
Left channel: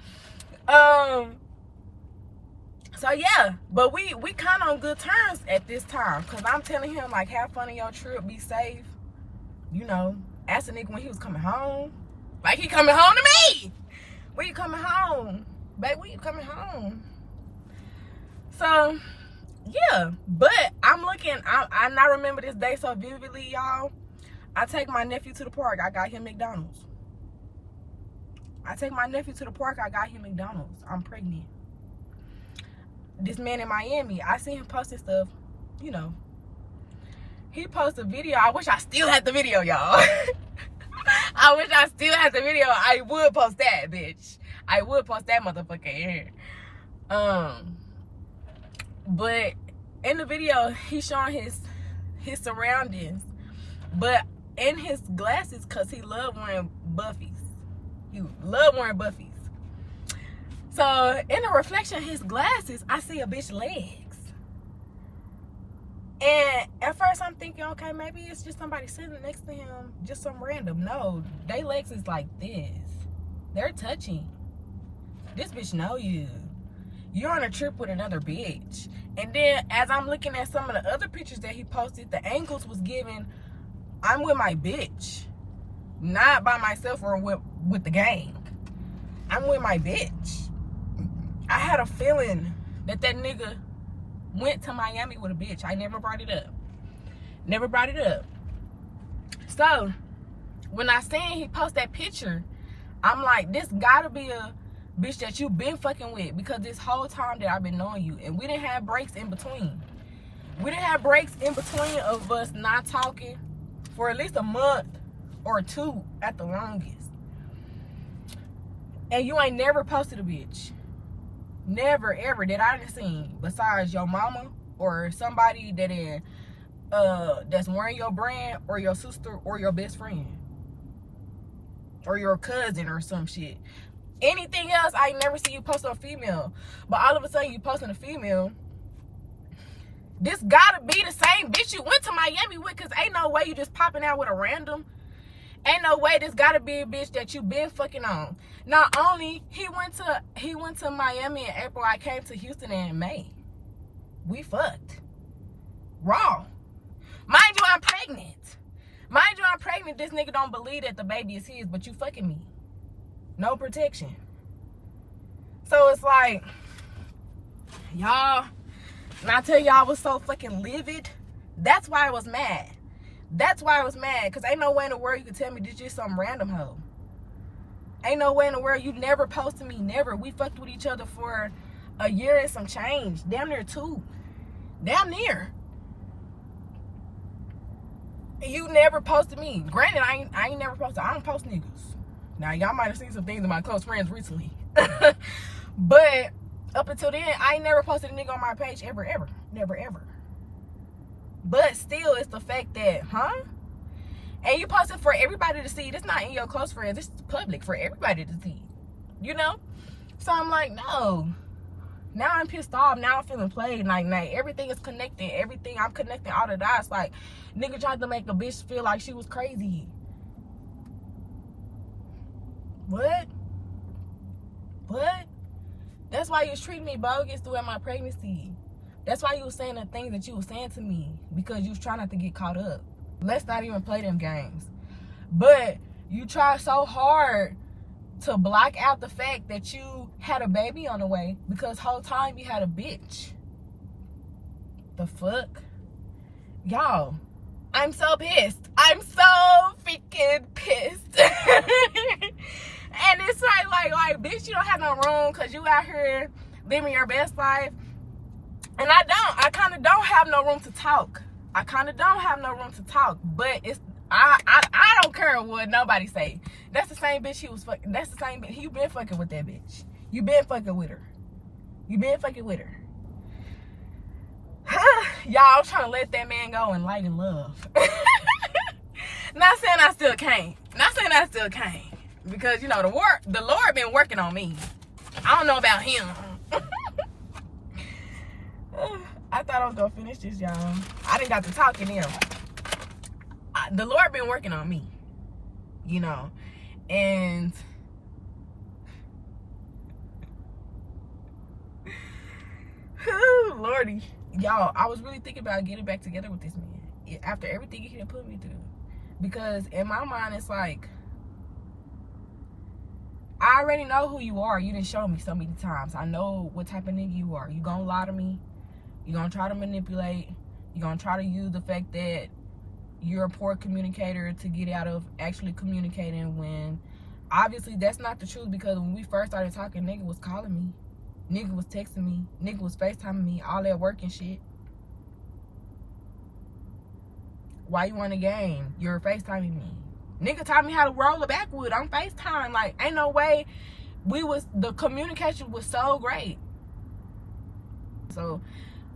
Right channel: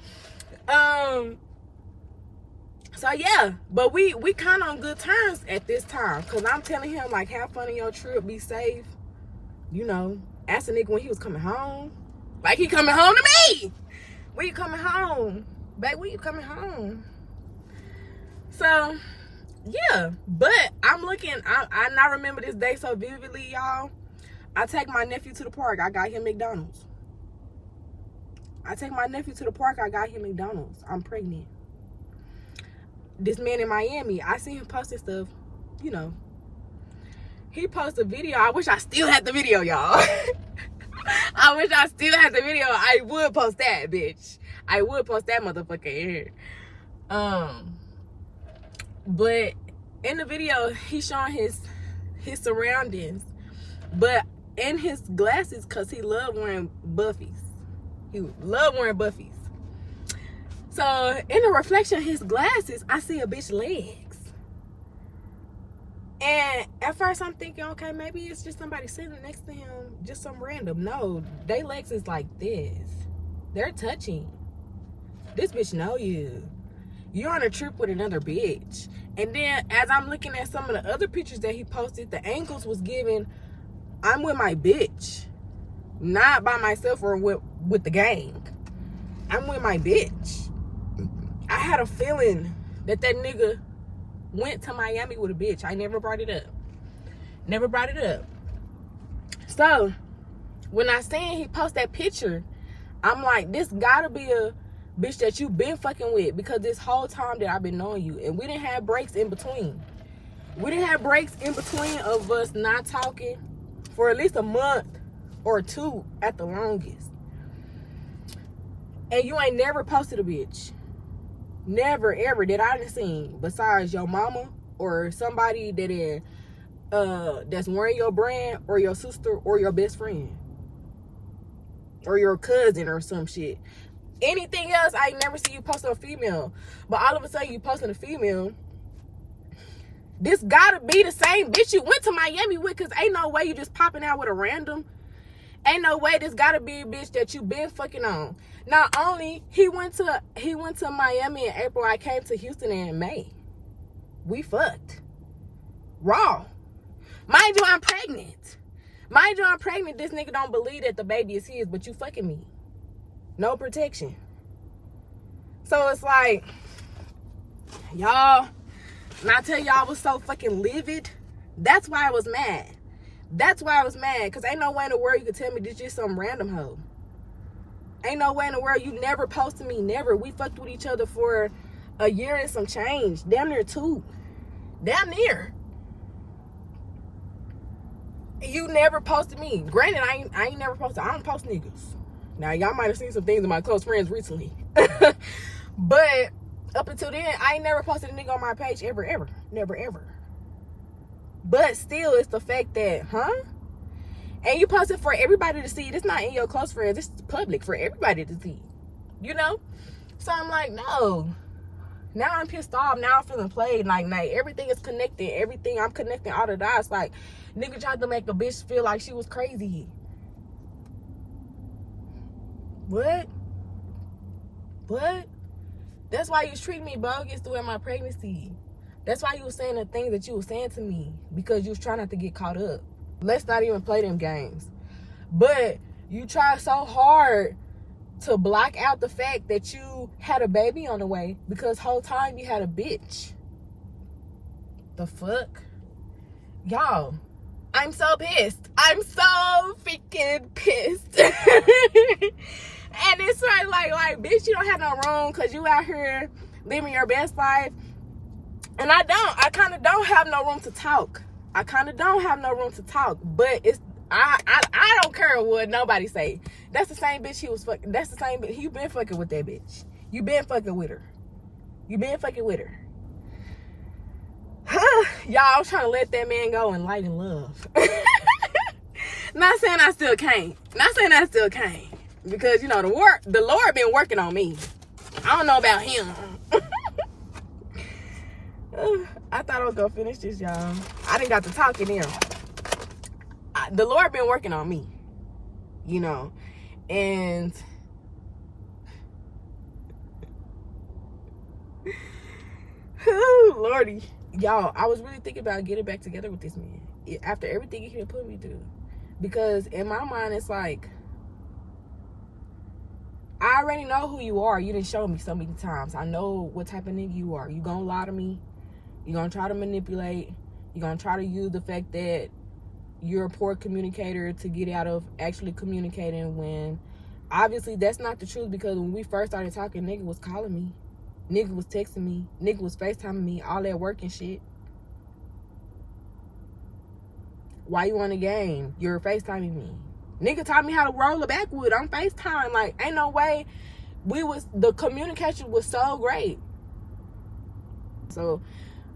So yeah, but we kind of on good terms at this time. Cause I'm telling him, like, have fun on your trip, be safe. You know, ask a nigga when he was coming home. Like, he coming home to me. When you coming home? Babe, when you coming home? So, yeah. But I'm looking, I now remember this day so vividly, y'all. I take my nephew to the park. I got him McDonald's. I'm pregnant. This man in Miami, I seen him posting stuff, you know. He posted a video. I wish I still had the video, y'all. I wish I still had the video. I would post that, bitch. I would post that motherfucker here. But in the video, he's showing his surroundings. But in his glasses, because he loved wearing buffies. So, in the reflection of his glasses, I see a bitch legs. And at first I'm thinking, okay, maybe it's just somebody sitting next to him, just some random. No, they legs is like this. They're touching. This bitch know you. You're on a trip with another bitch. And then as I'm looking at some of the other pictures that he posted, the angles was giving, I'm with my bitch. Not by myself or with the gang. I'm with my bitch. I had a feeling that nigga went to Miami with a bitch. I never brought it up. So, when I seen he post that picture, I'm like, this gotta be bitch that you been fucking with, because this whole time that I've been knowing you, and we didn't have breaks in between. We didn't have breaks in between of us not talking for at least a month or two at the longest. And you ain't never posted a bitch. Never, ever that I done seen, besides your mama or somebody that is that's wearing your brand, or your sister, or your best friend, or your cousin, or some shit. Anything else, I ain't never seen you post on a female. But all of a sudden you posting a female. This gotta be the same bitch you went to Miami with, because ain't no way you just popping out with a random. Ain't no way this gotta be a bitch that you been fucking on. Not only he went to Miami in April, I came to Houston in May. We fucked. Raw. Mind you, I'm pregnant. Mind you, I'm pregnant. This nigga don't believe that the baby is his, but you fucking me. No protection. So it's like, y'all, and I tell y'all I was so fucking livid. That's why I was mad. That's why I was mad. Because ain't no way in the world you could tell me this just some random hoe. Ain't no way in the world. You never posted me. Never. We fucked with each other for a year and some change. Damn near 2. Damn near. You never posted me. Granted, I ain't never posted. I don't post niggas. Now, y'all might have seen some things in my close friends recently. But up until then, I ain't never posted a nigga on my page ever, ever. Never, ever. But still, it's the fact that, and you post it for everybody to see. It's not in your close friends. It's public for everybody to see. You know? So I'm like, no. Now I'm pissed off. Now I'm feeling played. Like everything is connected. Everything, I'm connecting all the dots. Like, nigga tried to make a bitch feel like she was crazy. What? That's why you treat me bogus throughout my pregnancy. That's why you was saying the things that you was saying to me, because you was trying not to get caught up. Let's not even play them games. But you tried so hard to block out the fact that you had a baby on the way, because whole time you had a bitch. The fuck? Y'all, I'm so pissed. I'm so freaking pissed. And it's like, bitch, you don't have no room, because you out here living your best life. And I kind of don't have no room to talk. But it's, I don't care what nobody say. That's the same bitch he was fucking. That's the same bitch. You been fucking with that bitch. You been fucking with her. Y'all, I'm trying to let that man go in light and love. Not saying I still can't. Because, you know, the Lord been working on me. I don't know about him. I thought I was gonna finish this, y'all. I didn't got to talking there. The Lord been working on me, you know, and Lordy, y'all, I was really thinking about getting back together with this man after everything he had put me through, because in my mind it's like, I already know who you are. You didn't show me so many times. I know what type of nigga you are. You gonna lie to me. You gonna try to manipulate. You gonna try to use the fact that you're a poor communicator to get out of actually communicating, when obviously that's not the truth. Because when we first started talking, nigga was calling me. Nigga was texting me. Nigga was FaceTiming me. All that work and shit. Why you on the game? You're FaceTiming me. Nigga taught me how to roll a backwood on FaceTime. Like, ain't no way the communication was so great. So,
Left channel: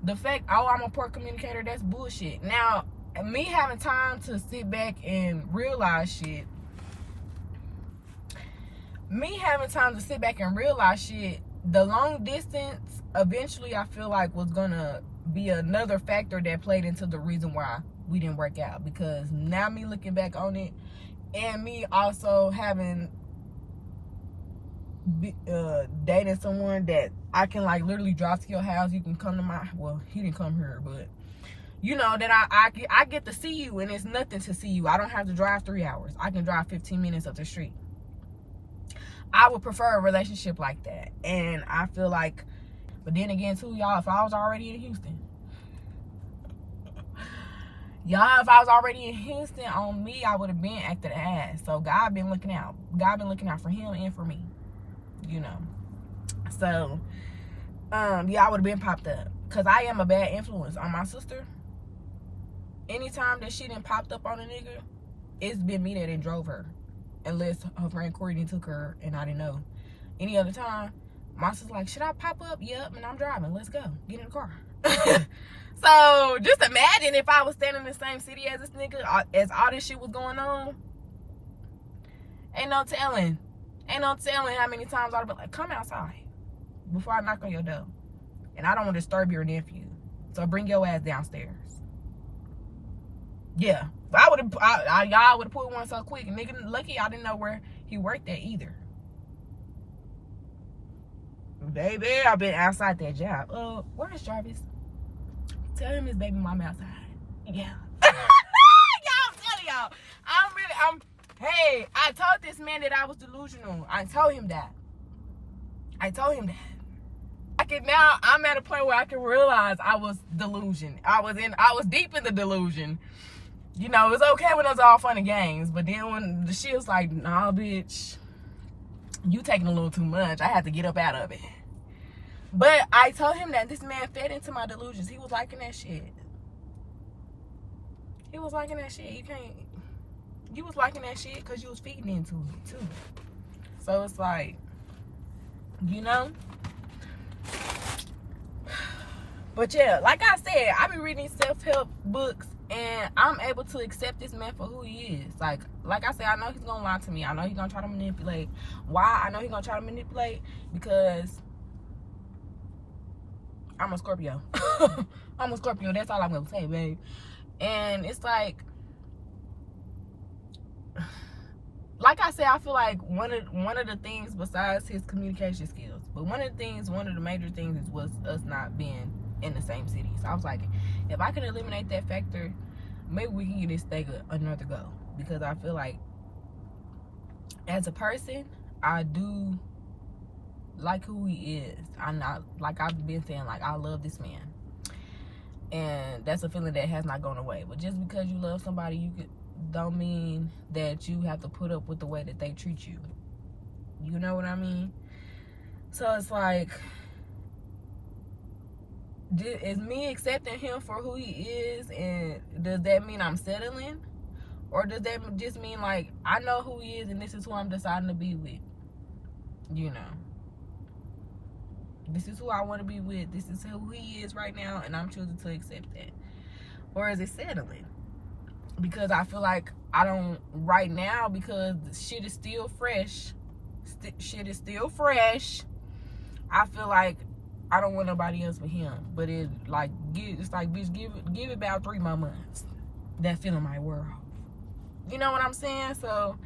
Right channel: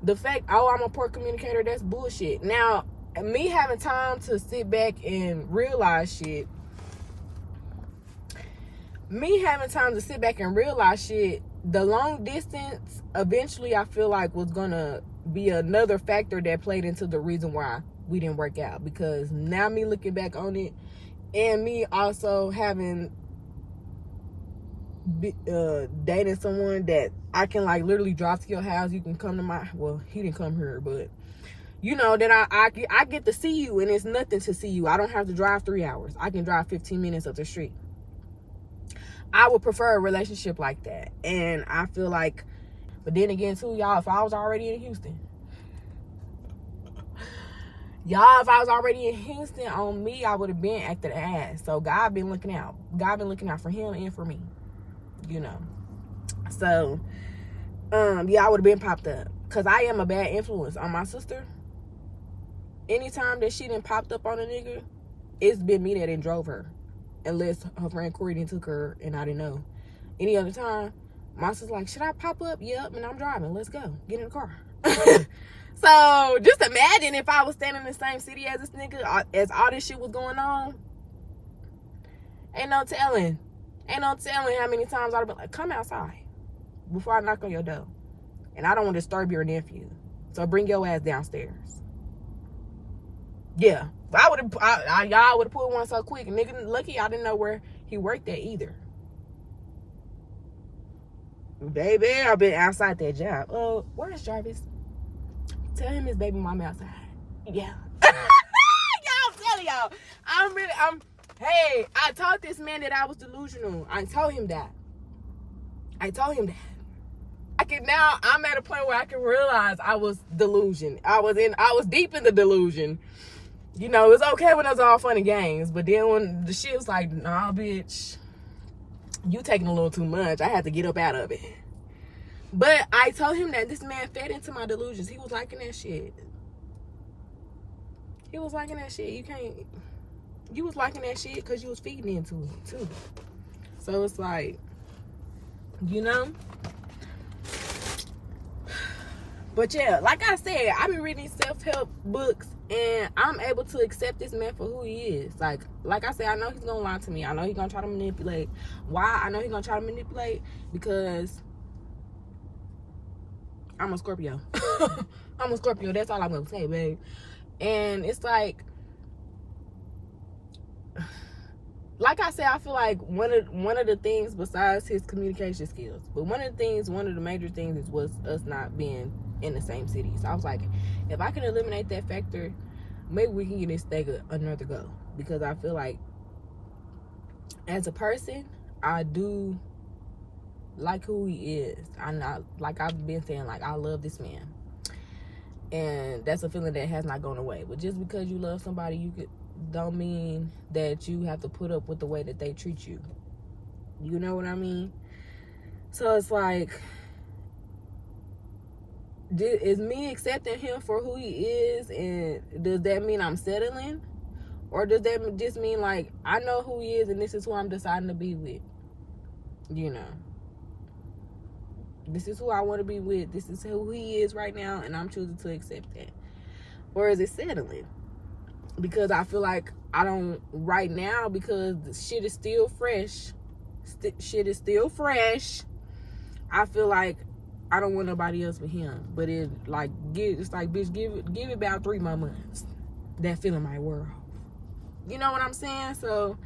the fact, I'm a poor communicator, that's bullshit. Now, me having time to sit back and realize shit, the long distance, eventually I feel like was gonna be another factor that played into the reason why we didn't work out. Because now me looking back on it, and me also having dating someone that I can like literally drive to your house, you can come to my, well, he didn't come here, but you know that I get to see you, and it's nothing to see you. I don't have to drive 3 hours. I can drive 15 minutes up the street. I would prefer a relationship like that. And I feel like, but then again too, y'all, if I was already in Houston, on me, I would have been acting ass. So God been looking out. God been looking out for him and for me, you know. So, yeah, I would have been popped up. Because I am a bad influence on my sister. Anytime that she done popped up on a nigga, it's been me that done drove her. Unless her friend Corey done took her and I didn't know. Any other time, my sister's like, should I pop up? Yep, and I'm driving. Let's go. Get in the car. So, just imagine if I was standing in the same city as this nigga, as all this shit was going on. Ain't no telling how many times I'd be like, come outside before I knock on your door. And I don't want to disturb your nephew. So bring your ass downstairs. Yeah. But y'all would have pulled one so quick. And nigga, lucky I didn't know where he worked at either. Baby, I've been outside that job. Where's Jarvis? Tell him his baby mama outside. Yeah. Y'all, I'm telling y'all. Hey, I told this man that I was delusional. I told him that. I'm at a point where I can realize I was delusion. I was deep in the delusion. You know, it's okay when it's all fun and games, but then when the shit was like, nah, bitch, you taking a little too much. I had to get up out of it. But I told him that this man fed into my delusions. He was liking that shit. You was liking that shit because you was feeding into it too. So it's like, you know. But yeah, like I said, I've been reading self-help books and I'm able to accept this man for who he is. Like I said, I know he's gonna lie to me. I know he's gonna try to manipulate. Why? I know he's gonna try to manipulate because I'm a Scorpio. I'm a Scorpio. That's all I'm gonna say, babe. And it's like I said, I feel like one of the things besides his communication skills, but one of the major things was us not being in the same city. So I was like, if I can eliminate that factor, maybe we can get this thing another go. Because I feel like as a person, I do like who he is. I'm not, like I've been saying, like I love this man. And that's a feeling that has not gone away. But just because you love somebody, don't mean that you have to put up with the way that they treat you. You know what I mean? So it's like, is me accepting him for who he is, and does that mean I'm settling? Or does that just mean like, I know who he is and this is who I'm deciding to be with? You know. This is who I want to be with. This is who he is right now, and I'm choosing to accept that. Or is it settling? Because I feel like I don't right now, because the shit is still fresh. Shit is still fresh. I feel like I don't want nobody else but him. But it's like, bitch, give it about 3 more months. That feeling might wear off. You know what I'm saying? So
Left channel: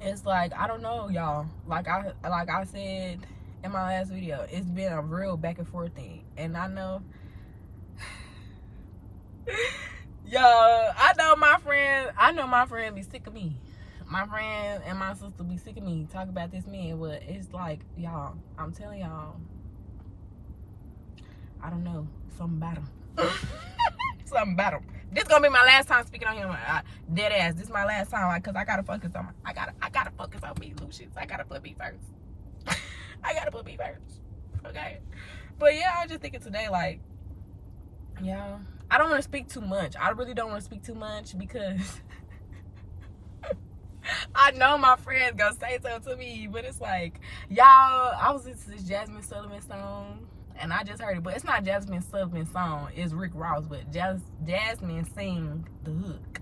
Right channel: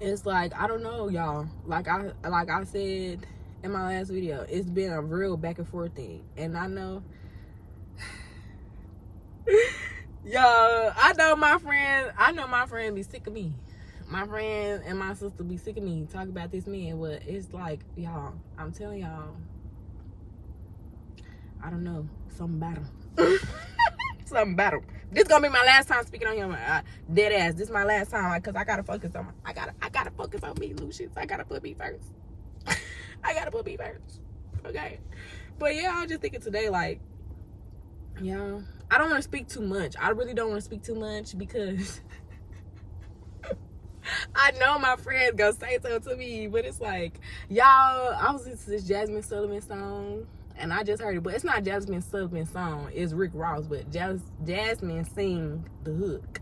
it's like, I don't know, y'all. Like I said in my last video, it's been a real back and forth thing. And I know I know my friend be sick of me. My friend and my sister be sick of me talking about this man, but it's like, y'all, I'm telling y'all, I don't know, something about him. Something about him. This gonna be my last time speaking on him. Dead ass. This is my last time, like, cause I gotta focus on I gotta focus on me, Lucius. I gotta put me first. Okay. But yeah, I was just thinking today, like, y'all, I don't want to speak too much. I really don't want to speak too much because I know my friends gonna say something to me, but it's like, y'all, I was listening to this Jasmine Sullivan song, and I just heard it, but it's not Jasmine Sullivan's song, it's Rick Ross, but Jasmine sing the hook,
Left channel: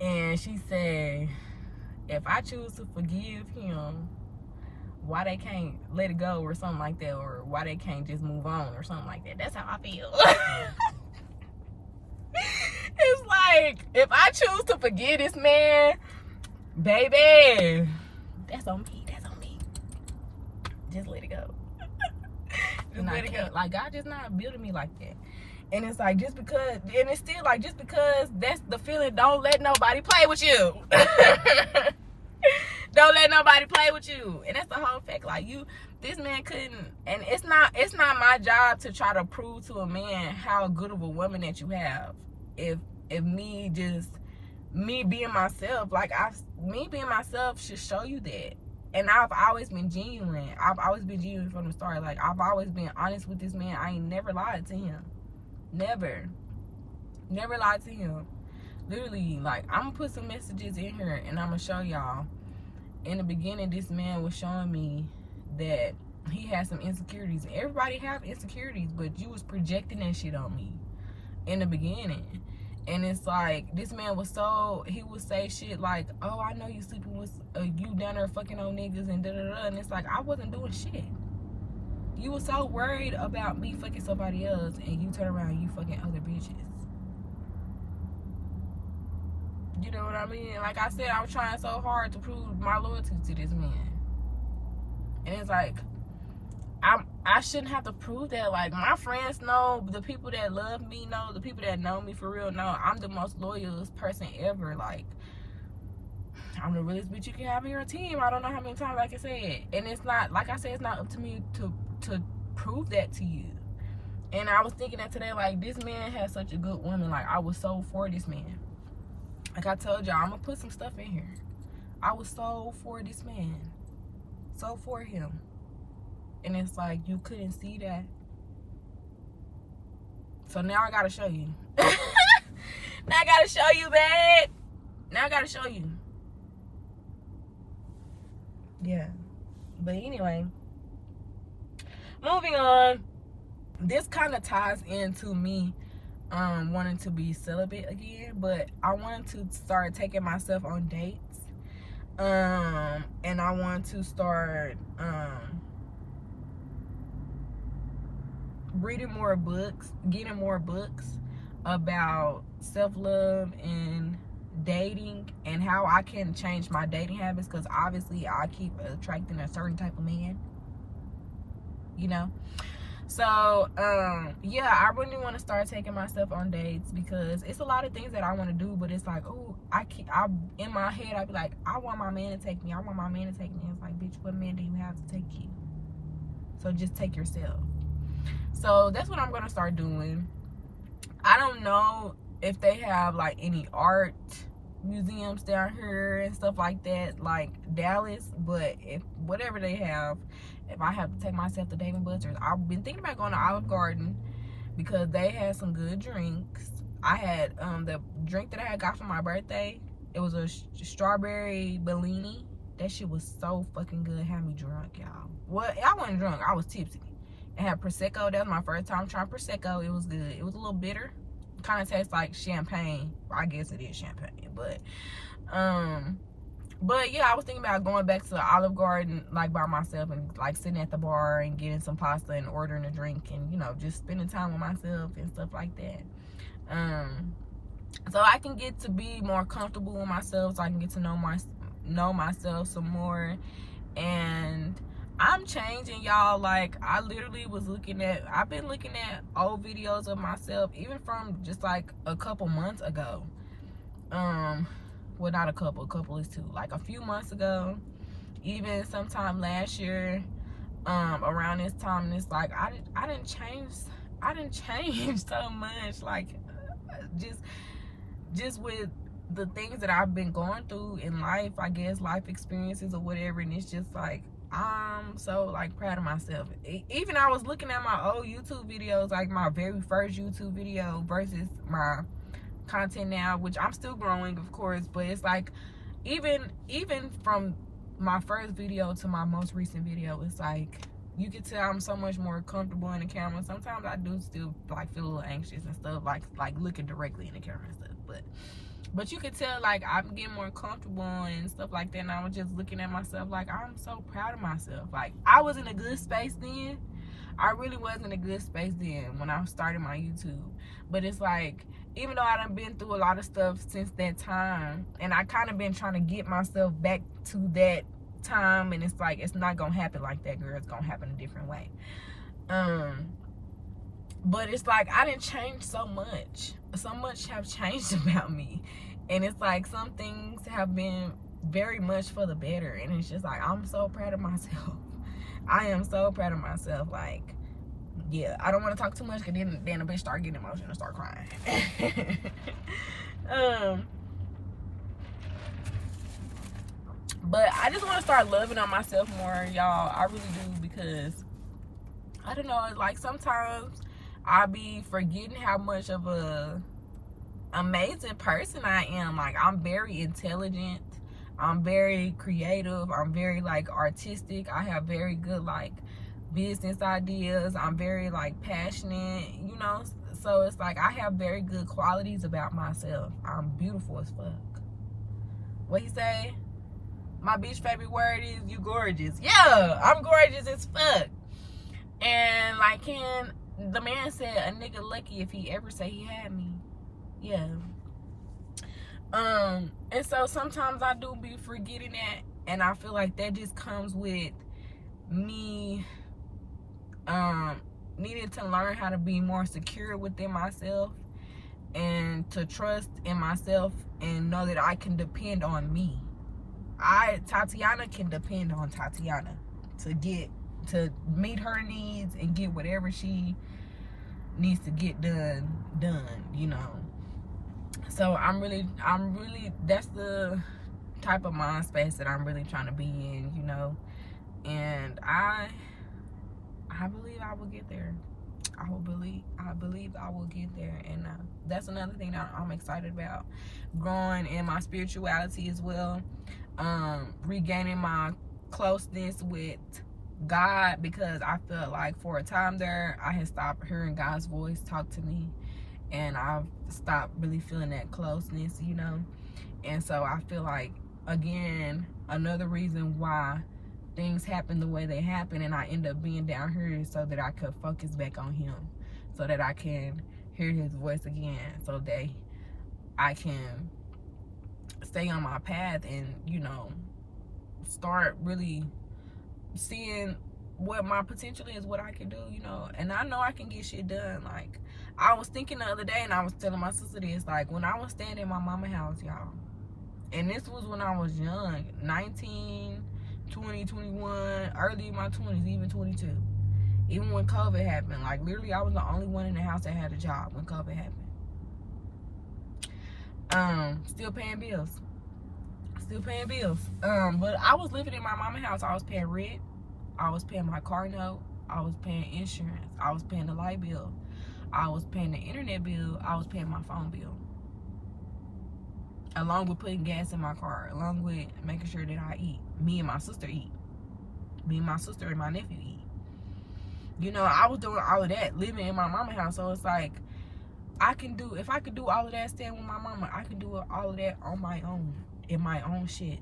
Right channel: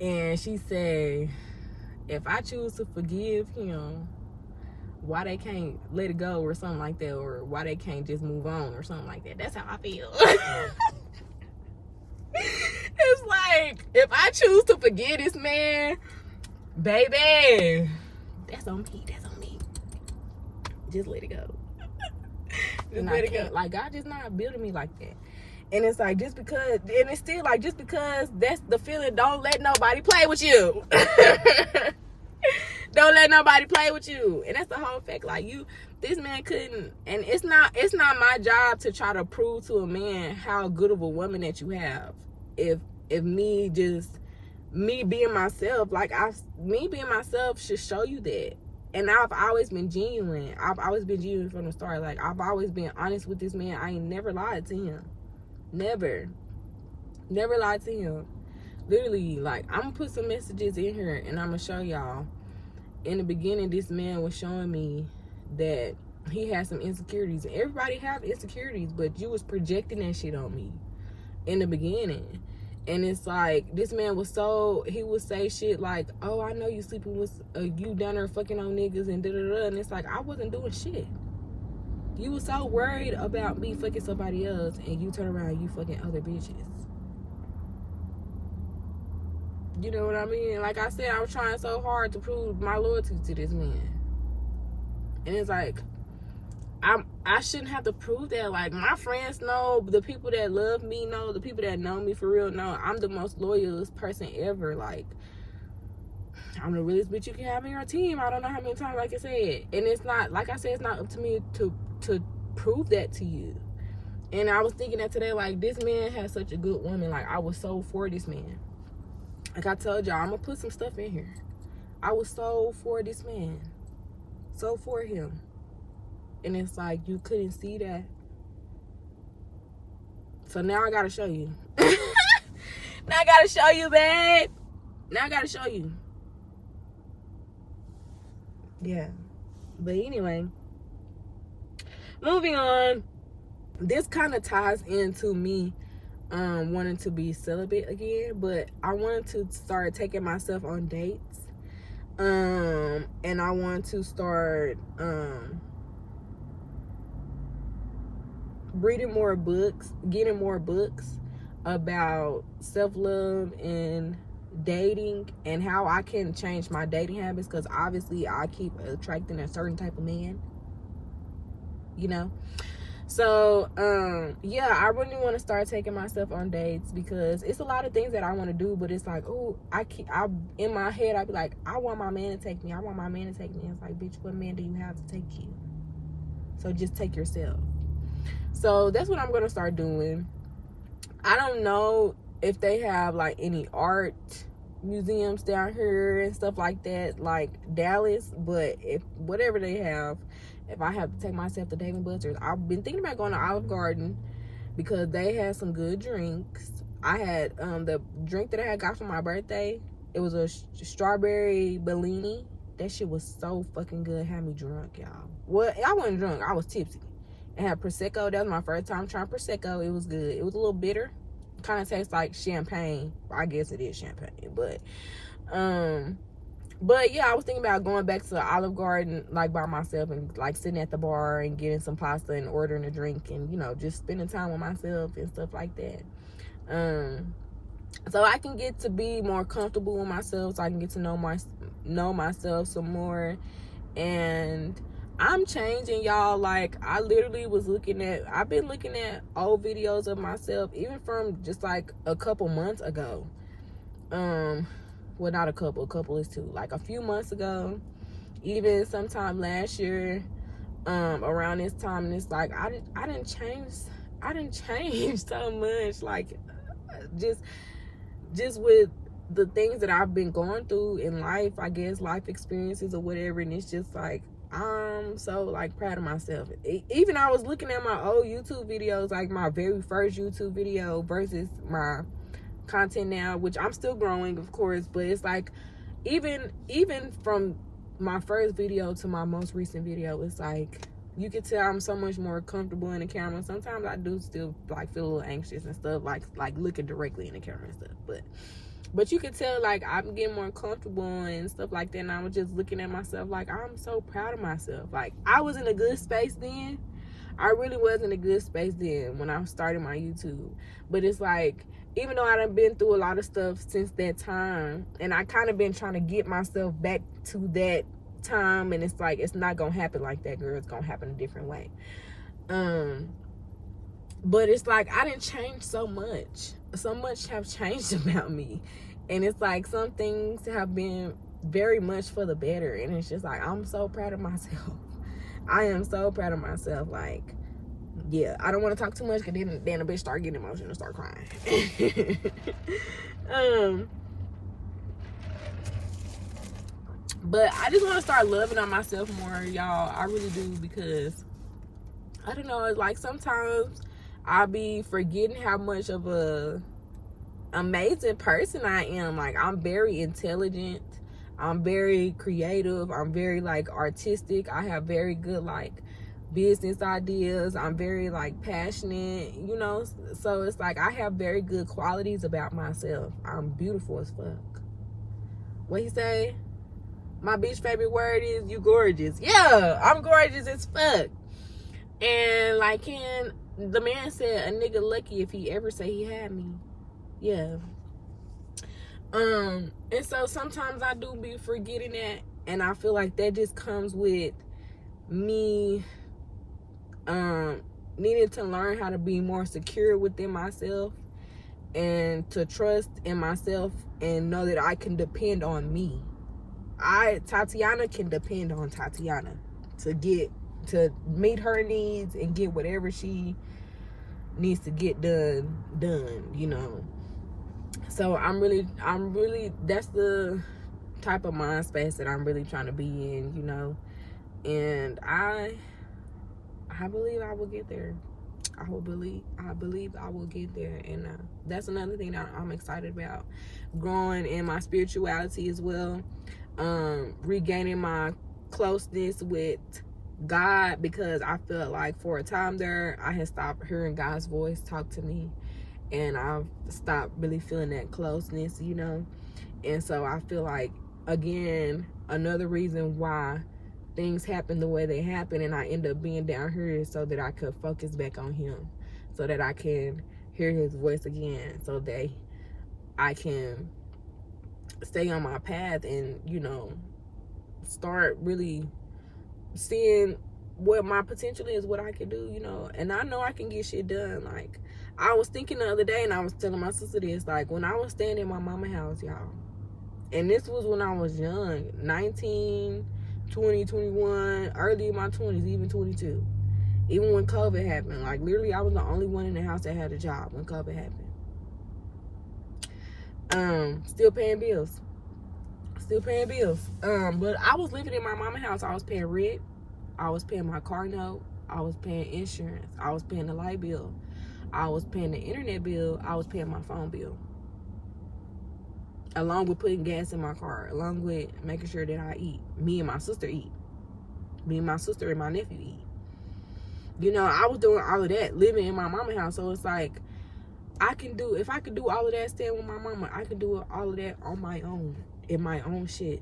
and she said, if I choose to forgive him, why they can't let it go or something like that, or why they can't just move on or something like that. That's how I feel. It's like, if I choose to forgive this man, baby, that's on me. Just let it go. Just let it go. Like, God just not building me like that. And it's like, just because that's the feeling, don't let nobody play with you. Don't let nobody play with you. And that's the whole fact. Like, this man couldn't, and it's not my job to try to prove to a man how good of a woman that you have. If me being myself, me being myself should show you that. And I've always been genuine. I've always been genuine from the start. Like, I've always been honest with this man. I ain't never lied to him. Never lied to him. Literally, like, I'm gonna put some messages in here and I'm gonna show y'all. In the beginning, this man was showing me that he had some insecurities. Everybody have insecurities, but you was projecting that shit on me in the beginning. And it's like, this man was he would say shit like, oh, I know you sleeping with, you down there fucking on niggas and da-da-da. And it's like, I wasn't doing shit. You was so worried about me fucking somebody else, and you turn around, you fucking other bitches. You know what I mean? Like I said, I was trying so hard to prove my loyalty to this man. And it's like, I shouldn't have to prove that. Like, my friends know, the people that love me know, the people that know me for real know I'm the most loyalist person ever. Like, I'm the realest bitch you can have in your team. I don't know how many times I can say it. And it's not, like I said, it's not up to me to prove that to you. And I was thinking that today, like, this man has such a good woman. Like, I was so for this man. Like I told y'all, I'm gonna put some stuff in here. I was so for this man. So for him. And it's like, you couldn't see that. So now I gotta show you. Now I gotta show you, babe. Now I gotta show you. Yeah. But anyway, moving on. This kind of ties into me wanting to be celibate again, but I wanted to start taking myself on dates. And I want to start reading more books, getting more books about self-love and dating and how I can change my dating habits, because obviously I keep attracting a certain type of man, you know. So yeah, I really want to start taking myself on dates, because it's a lot of things that I want to do, but it's like, oh, I in my head I'd be like, I want my man to take me, I want my man to take me. It's like, bitch, what man do you have to take you? So just take yourself. So that's what I'm gonna start doing. I don't know if they have like any art museums down here and stuff like that, like Dallas, but if whatever they have, if I have to take myself to Dave & Buster's, I've been thinking about going to Olive Garden because they had some good drinks. I had the drink that I had got for my birthday. It was a strawberry Bellini. That shit was so fucking good. Had me drunk, y'all. Well, I wasn't drunk. I was tipsy. It had Prosecco. That was my first time trying Prosecco. It was good. It was a little bitter. Kind of tastes like champagne. I guess it is champagne. But yeah, I was thinking about going back to the Olive Garden, like, by myself, and like sitting at the bar and getting some pasta and ordering a drink, and, you know, just spending time with myself and stuff like that. So I can get to be more comfortable with myself, so I can get to know myself some more. And I'm changing, y'all. Like, I literally I've been looking at old videos of myself, even from just like a couple months ago. Well, not a couple is two. Like a few months ago, even sometime last year, around this time, and it's like I didn't change so much. Like, just with the things that I've been going through in life, I guess, life experiences or whatever, and it's just like, I'm so like proud of myself. Even I was looking at my old YouTube videos, like my very first YouTube video versus my content now, which I'm still growing, of course, but it's like, even from my first video to my most recent video, it's like, you can tell I'm so much more comfortable in the camera. Sometimes I do still like feel a little anxious and stuff, like looking directly in the camera and stuff, but you can tell, like, I'm getting more comfortable and stuff like that. And I was just looking at myself like, I'm so proud of myself. Like, I was in a good space then. I really was in a good space then when I started my YouTube. But it's like, even though I done been through a lot of stuff since that time, and I kind of been trying to get myself back to that time, and it's like, it's not gonna happen like that, girl. It's gonna happen a different way. But it's like, I didn't change so much. So much have changed about me. And it's like, some things have been very much for the better. And it's just like, I'm so proud of myself. I am so proud of myself. Like, yeah, I don't want to talk too much, because then a bitch start getting emotional and start crying. But I just want to start loving on myself more, y'all. I really do, because I don't know, it's like sometimes I be forgetting how much of a amazing person I am. Like, I'm very intelligent, I'm very creative, I'm very like artistic, I have very good like business ideas, I'm very like passionate, you know. So it's like I have very good qualities about myself. I'm beautiful as fuck. What he say? My bitch favorite word is you gorgeous. Yeah, I'm gorgeous as fuck. And like, the man said a nigga lucky if he ever say he had me. Yeah. And so sometimes I do be forgetting that, and I feel like that just comes with me needing to learn how to be more secure within myself and to trust in myself and know that I can depend on me. Tatiana can depend on Tatiana to meet her needs and get whatever she needs to get done, you know. So I'm really, that's the type of mind space that I'm really trying to be in, you know. And I believe I will get there. I believe I will get there. And that's another thing that I'm excited about, growing in my spirituality as well, regaining my closeness with God, because I felt like for a time there I had stopped hearing God's voice talk to me, and I've stopped really feeling that closeness, you know. And so I feel like, again, another reason why things happen the way they happen and I end up being down here is so that I could focus back on him, so that I can hear his voice again, so that I can stay on my path and, you know, start really seeing what my potential is, what I can do, you know. And I know I can get shit done. Like, I was thinking the other day, and I was telling my sister this, like, when I was staying in my mama house, y'all, and this was when I was young, 19, 20, 21, early in my 20s, even 22, even when COVID happened, like, literally I was the only one in the house that had a job when COVID happened. Still paying bills. But I was living in my mama house. I was paying rent, I was paying my car note, I was paying insurance, I was paying the light bill, I was paying the internet bill, I was paying my phone bill, along with putting gas in my car, along with making sure that I eat. Me and my sister eat. Me and my sister and my nephew eat. You know, I was doing all of that living in my mama house. So it's like, if I could do all of that staying with my mama, I could do all of that on my own, in my own shit,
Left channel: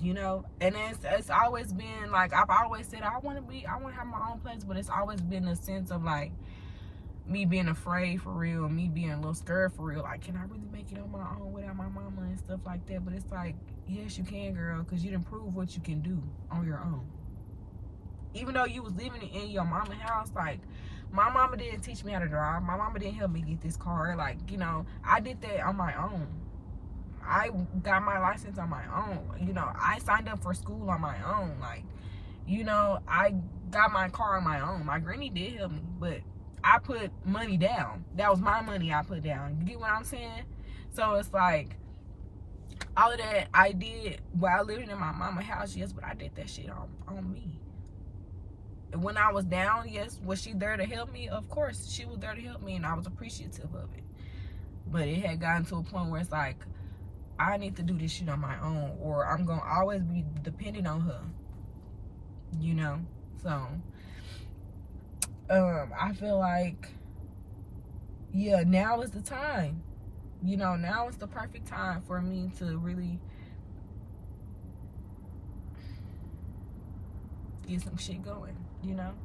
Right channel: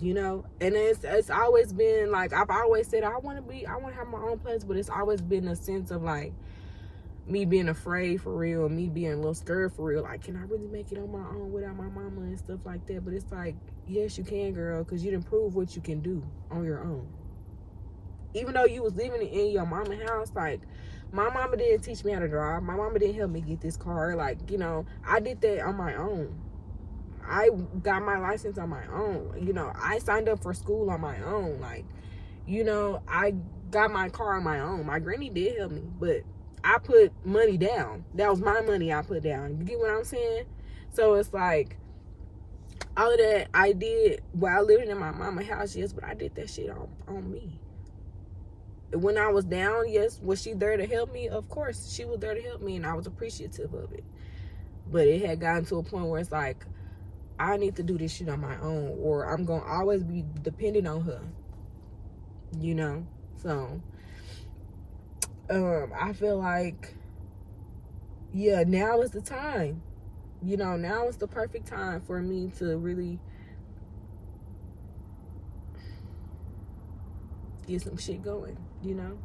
you know. And it's always been like, I've always said I want to have my own place, but it's always been a sense of like me being afraid for real, me being a little scared for real, like, can I really make it on my own without my mama and stuff like that? But it's like, yes you can, girl, because you done proved what you can do on your own. Even though you was living in your mama house, like, my mama didn't teach me how to drive, my mama didn't help me get this car, like, you know, I did that on my own. I got my license on my own, you know. I signed up for school on my own, like, you know. I got my car on my own. My granny did help me, but I put money down. That was my money I put down. You get what I'm saying? So it's like, all of that I did while living in my mama house, yes, but I did that shit on me. When I was down, yes, was she there to help me? Of course, she was there to help me, and I was appreciative of it. But it had gotten to a point where it's like, I need to do this shit on my own, or I'm going to always be dependent on her, you know? So, I feel like, yeah, now is the time. You know, now is the perfect time for me to really get some shit going, you know?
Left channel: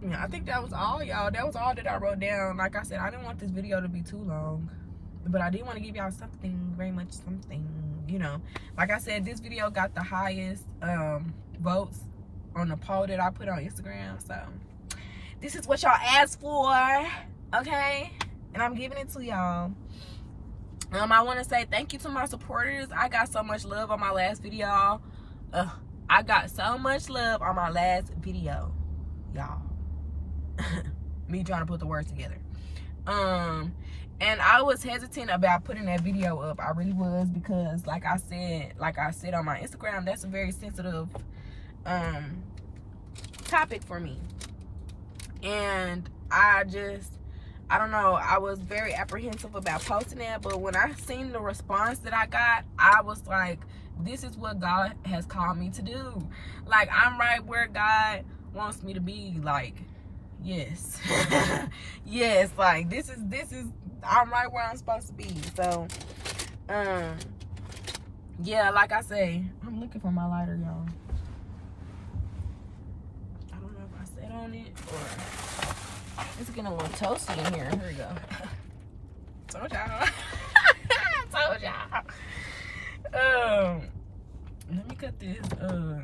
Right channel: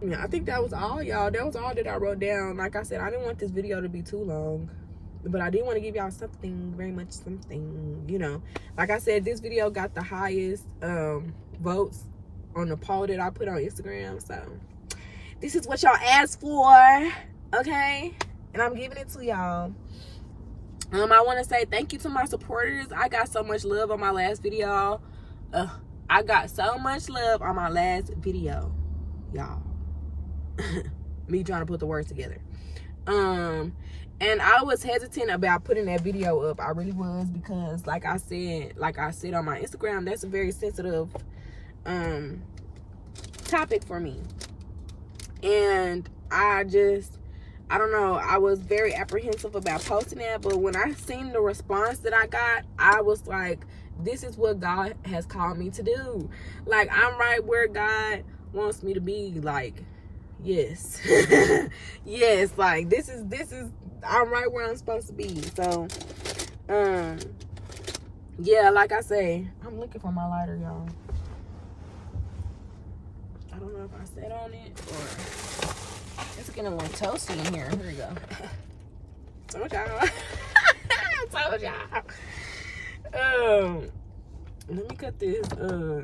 Yeah, I think that was all, y'all. That was all that I wrote down. Like I said, I didn't want this video to be too long, but I did want to give y'all something, very much something, you know. Like I said, this video got the highest votes on the poll that I put on Instagram. So this is what y'all asked for, okay? And I'm giving it to y'all. I want to say thank you to my supporters. I got so much love on my last video. I got so much love on my last video, y'all. Me trying to put the words together. And I was hesitant about putting that video up. I really was, because like I said on my Instagram, that's a very sensitive topic for me. And I don't know, I was very apprehensive about posting that. But when I seen the response that I got, I was like, this is what God has called me to do. Like, I'm right where God wants me to be. Like, yes. Yes, like this is I'm right where I'm supposed to be. So yeah, like I say, I'm looking for my lighter, y'all. I don't know if I sat on it or it's getting a little toasty in here. Here we go. Told y'all. Told y'all. Let me cut this.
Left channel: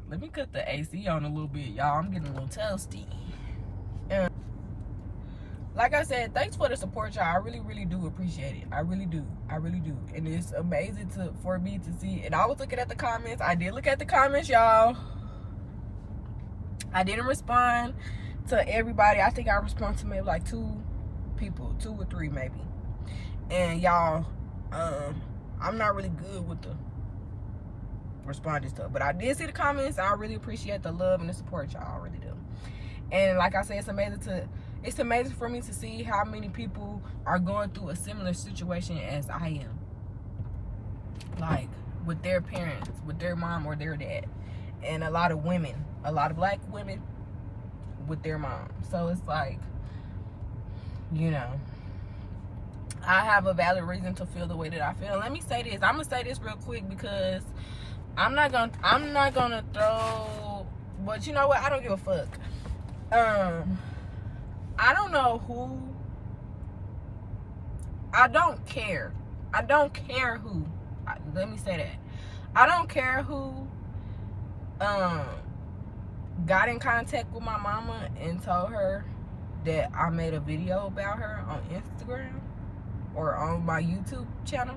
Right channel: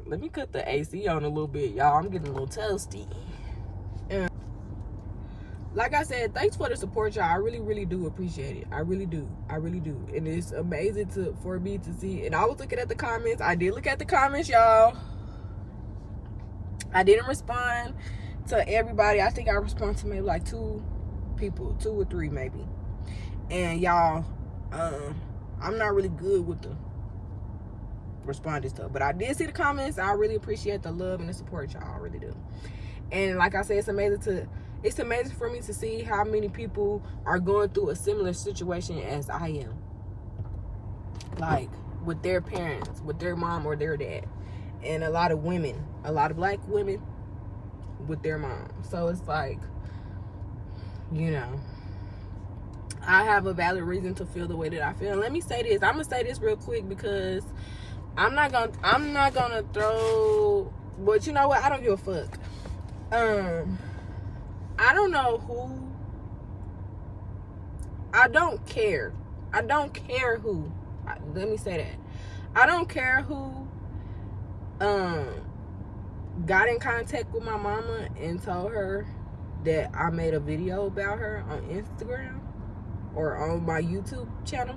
Let me cut the AC on a little bit, y'all. I'm getting a little toasty. Like I said, thanks for the support, y'all. I really, really do appreciate it. I really do. I really do. And it's amazing for me to see. And I was looking at the comments. I did look at the comments, y'all. I didn't respond to everybody. I think I responded to maybe like 2 people, 2 or 3 maybe. And y'all, I'm not really good with the responding stuff, but I did see the comments. I really appreciate the love and the support, y'all. I really do. And like I said, it's amazing for me to see how many people are going through a similar situation as I am. Like, with their parents, with their mom or their dad. And a lot of women, a lot of black women with their mom. So it's like, you know, I have a valid reason to feel the way that I feel. Let me say this. I'm gonna say this real quick, because I'm not gonna throw, but you know what? I don't give a fuck. I don't know who. I don't care. I don't care who. Let me say that. I don't care who got in contact with my mama and told her that I made a video about her on Instagram or on my YouTube channel.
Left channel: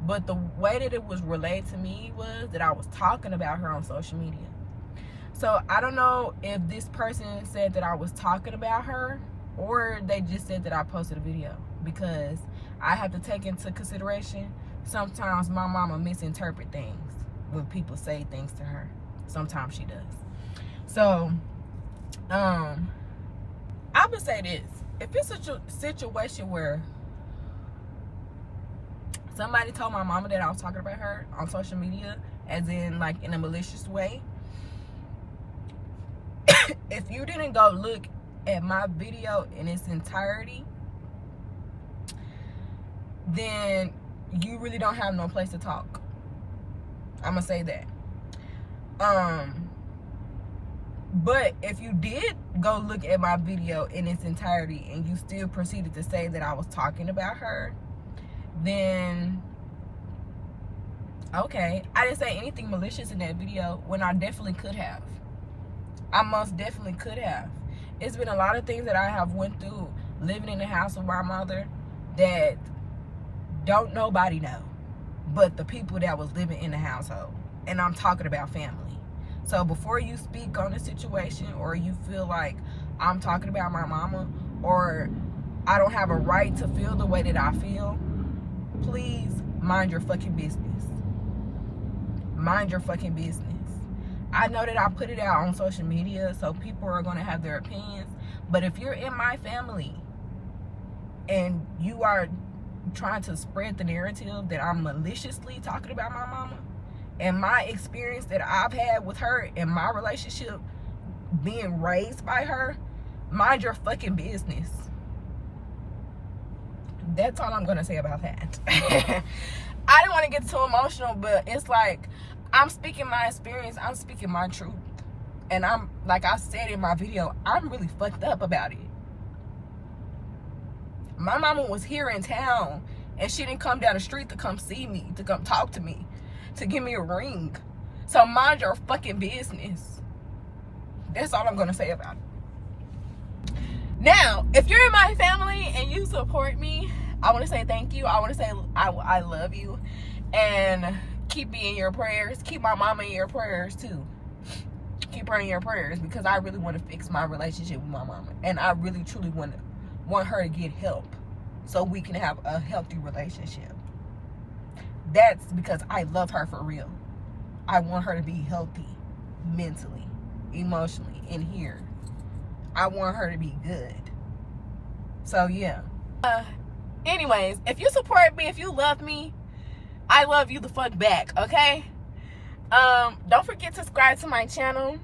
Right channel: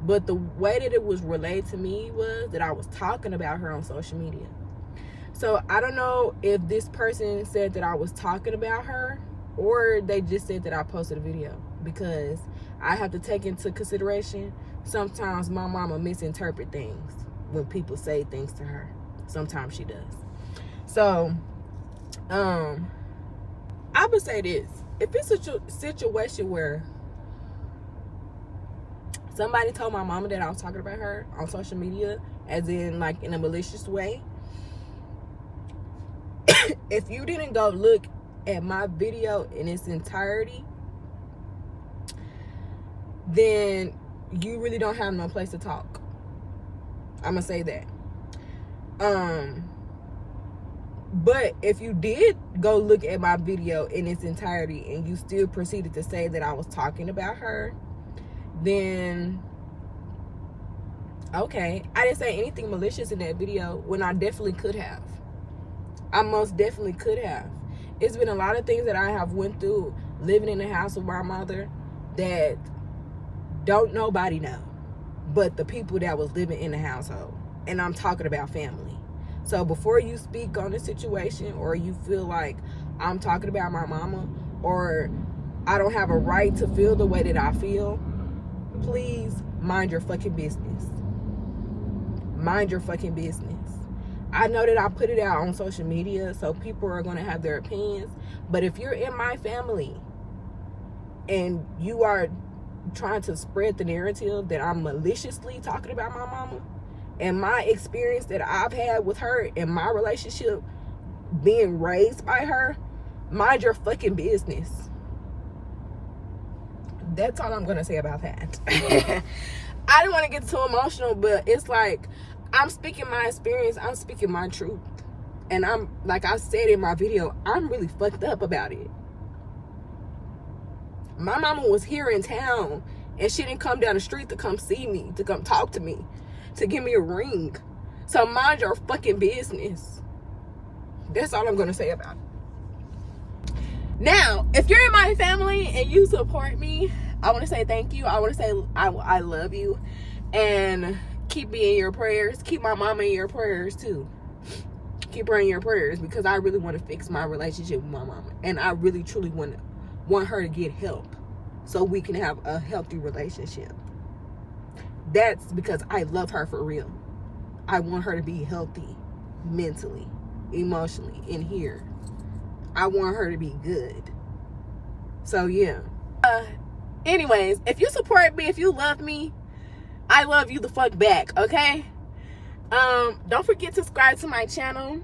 But the way that it was relayed to me was that I was talking about her on social media. So I don't know if this person said that I was talking about her, or they just said that I posted a video, because I have to take into consideration sometimes my mama misinterpret things when people say things to her. Sometimes she does. So I would say this: if it's a situation where somebody told my mama that I was talking about her on social media, as in like in a malicious way, if you didn't go look at my video in its entirety, then you really don't have no place to talk. I'm gonna say that. But if you did go look at my video in its entirety and you still proceeded to say that I was talking about her, then okay. I didn't say anything malicious in that video when I definitely could have. I most definitely could have. It's been a lot of things that I have went through living in the house with my mother that don't nobody know but the people that was living in the household. And I'm talking about family. So before you speak on the situation, or you feel like I'm talking about my mama, or I don't have a right to feel the way that I feel, please mind your fucking business. Mind your fucking business. I know that I put it out on social media, so people are going to have their opinions. But if you're in my family and you are trying to spread the narrative that I'm maliciously talking about my mama, and my experience that I've had with her and my relationship being raised by her, mind your fucking business. That's all I'm going to say about that. I didn't want to get too emotional, but it's like, I'm speaking my experience. I'm speaking my truth. And I'm, like I said in my video, I'm really fucked up about it. My mama was here in town, and she didn't come down the street to come see me, to come talk to me, to give me a ring. So mind your fucking business. That's all I'm going to say about it. Now, if you're in my family and you support me, I want to say thank you. I want to say I love you. And keep me in your prayers. Keep my mama in your prayers too. Keep her in your prayers, because I really want to fix my relationship with my mama, and I really truly want her to get help. so we can have a healthy relationship. That's because I love her for real. I want her to be healthy mentally, emotionally, in here. I want her to be good. So yeah. Anyways, if you support me, if you love me, I love you the fuck back, okay? Don't forget to subscribe to my channel.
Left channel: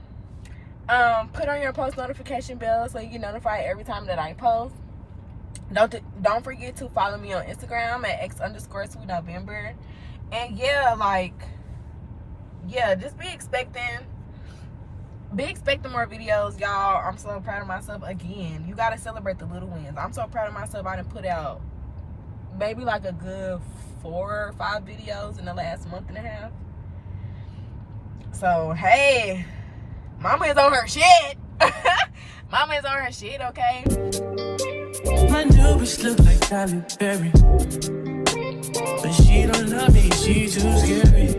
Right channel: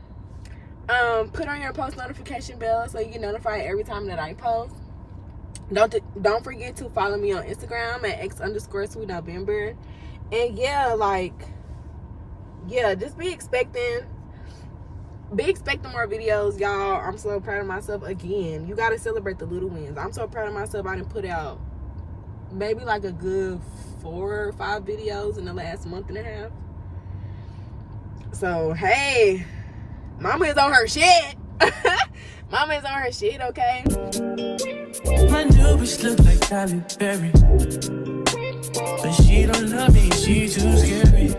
Put on your post notification bell so you get notified every time that I post. Don't forget to follow me on Instagram at x_sweetnovember. And yeah, just be expecting more videos, y'all. I'm so proud of myself. Again, you gotta celebrate the little wins. I'm so proud of myself. I done put out maybe like a good 4 or 5 videos in the last month and a half. So hey, mama is on her shit. Mama is on her shit, okay? My new bitch look like Halle Berry, but she don't love me, she too scary.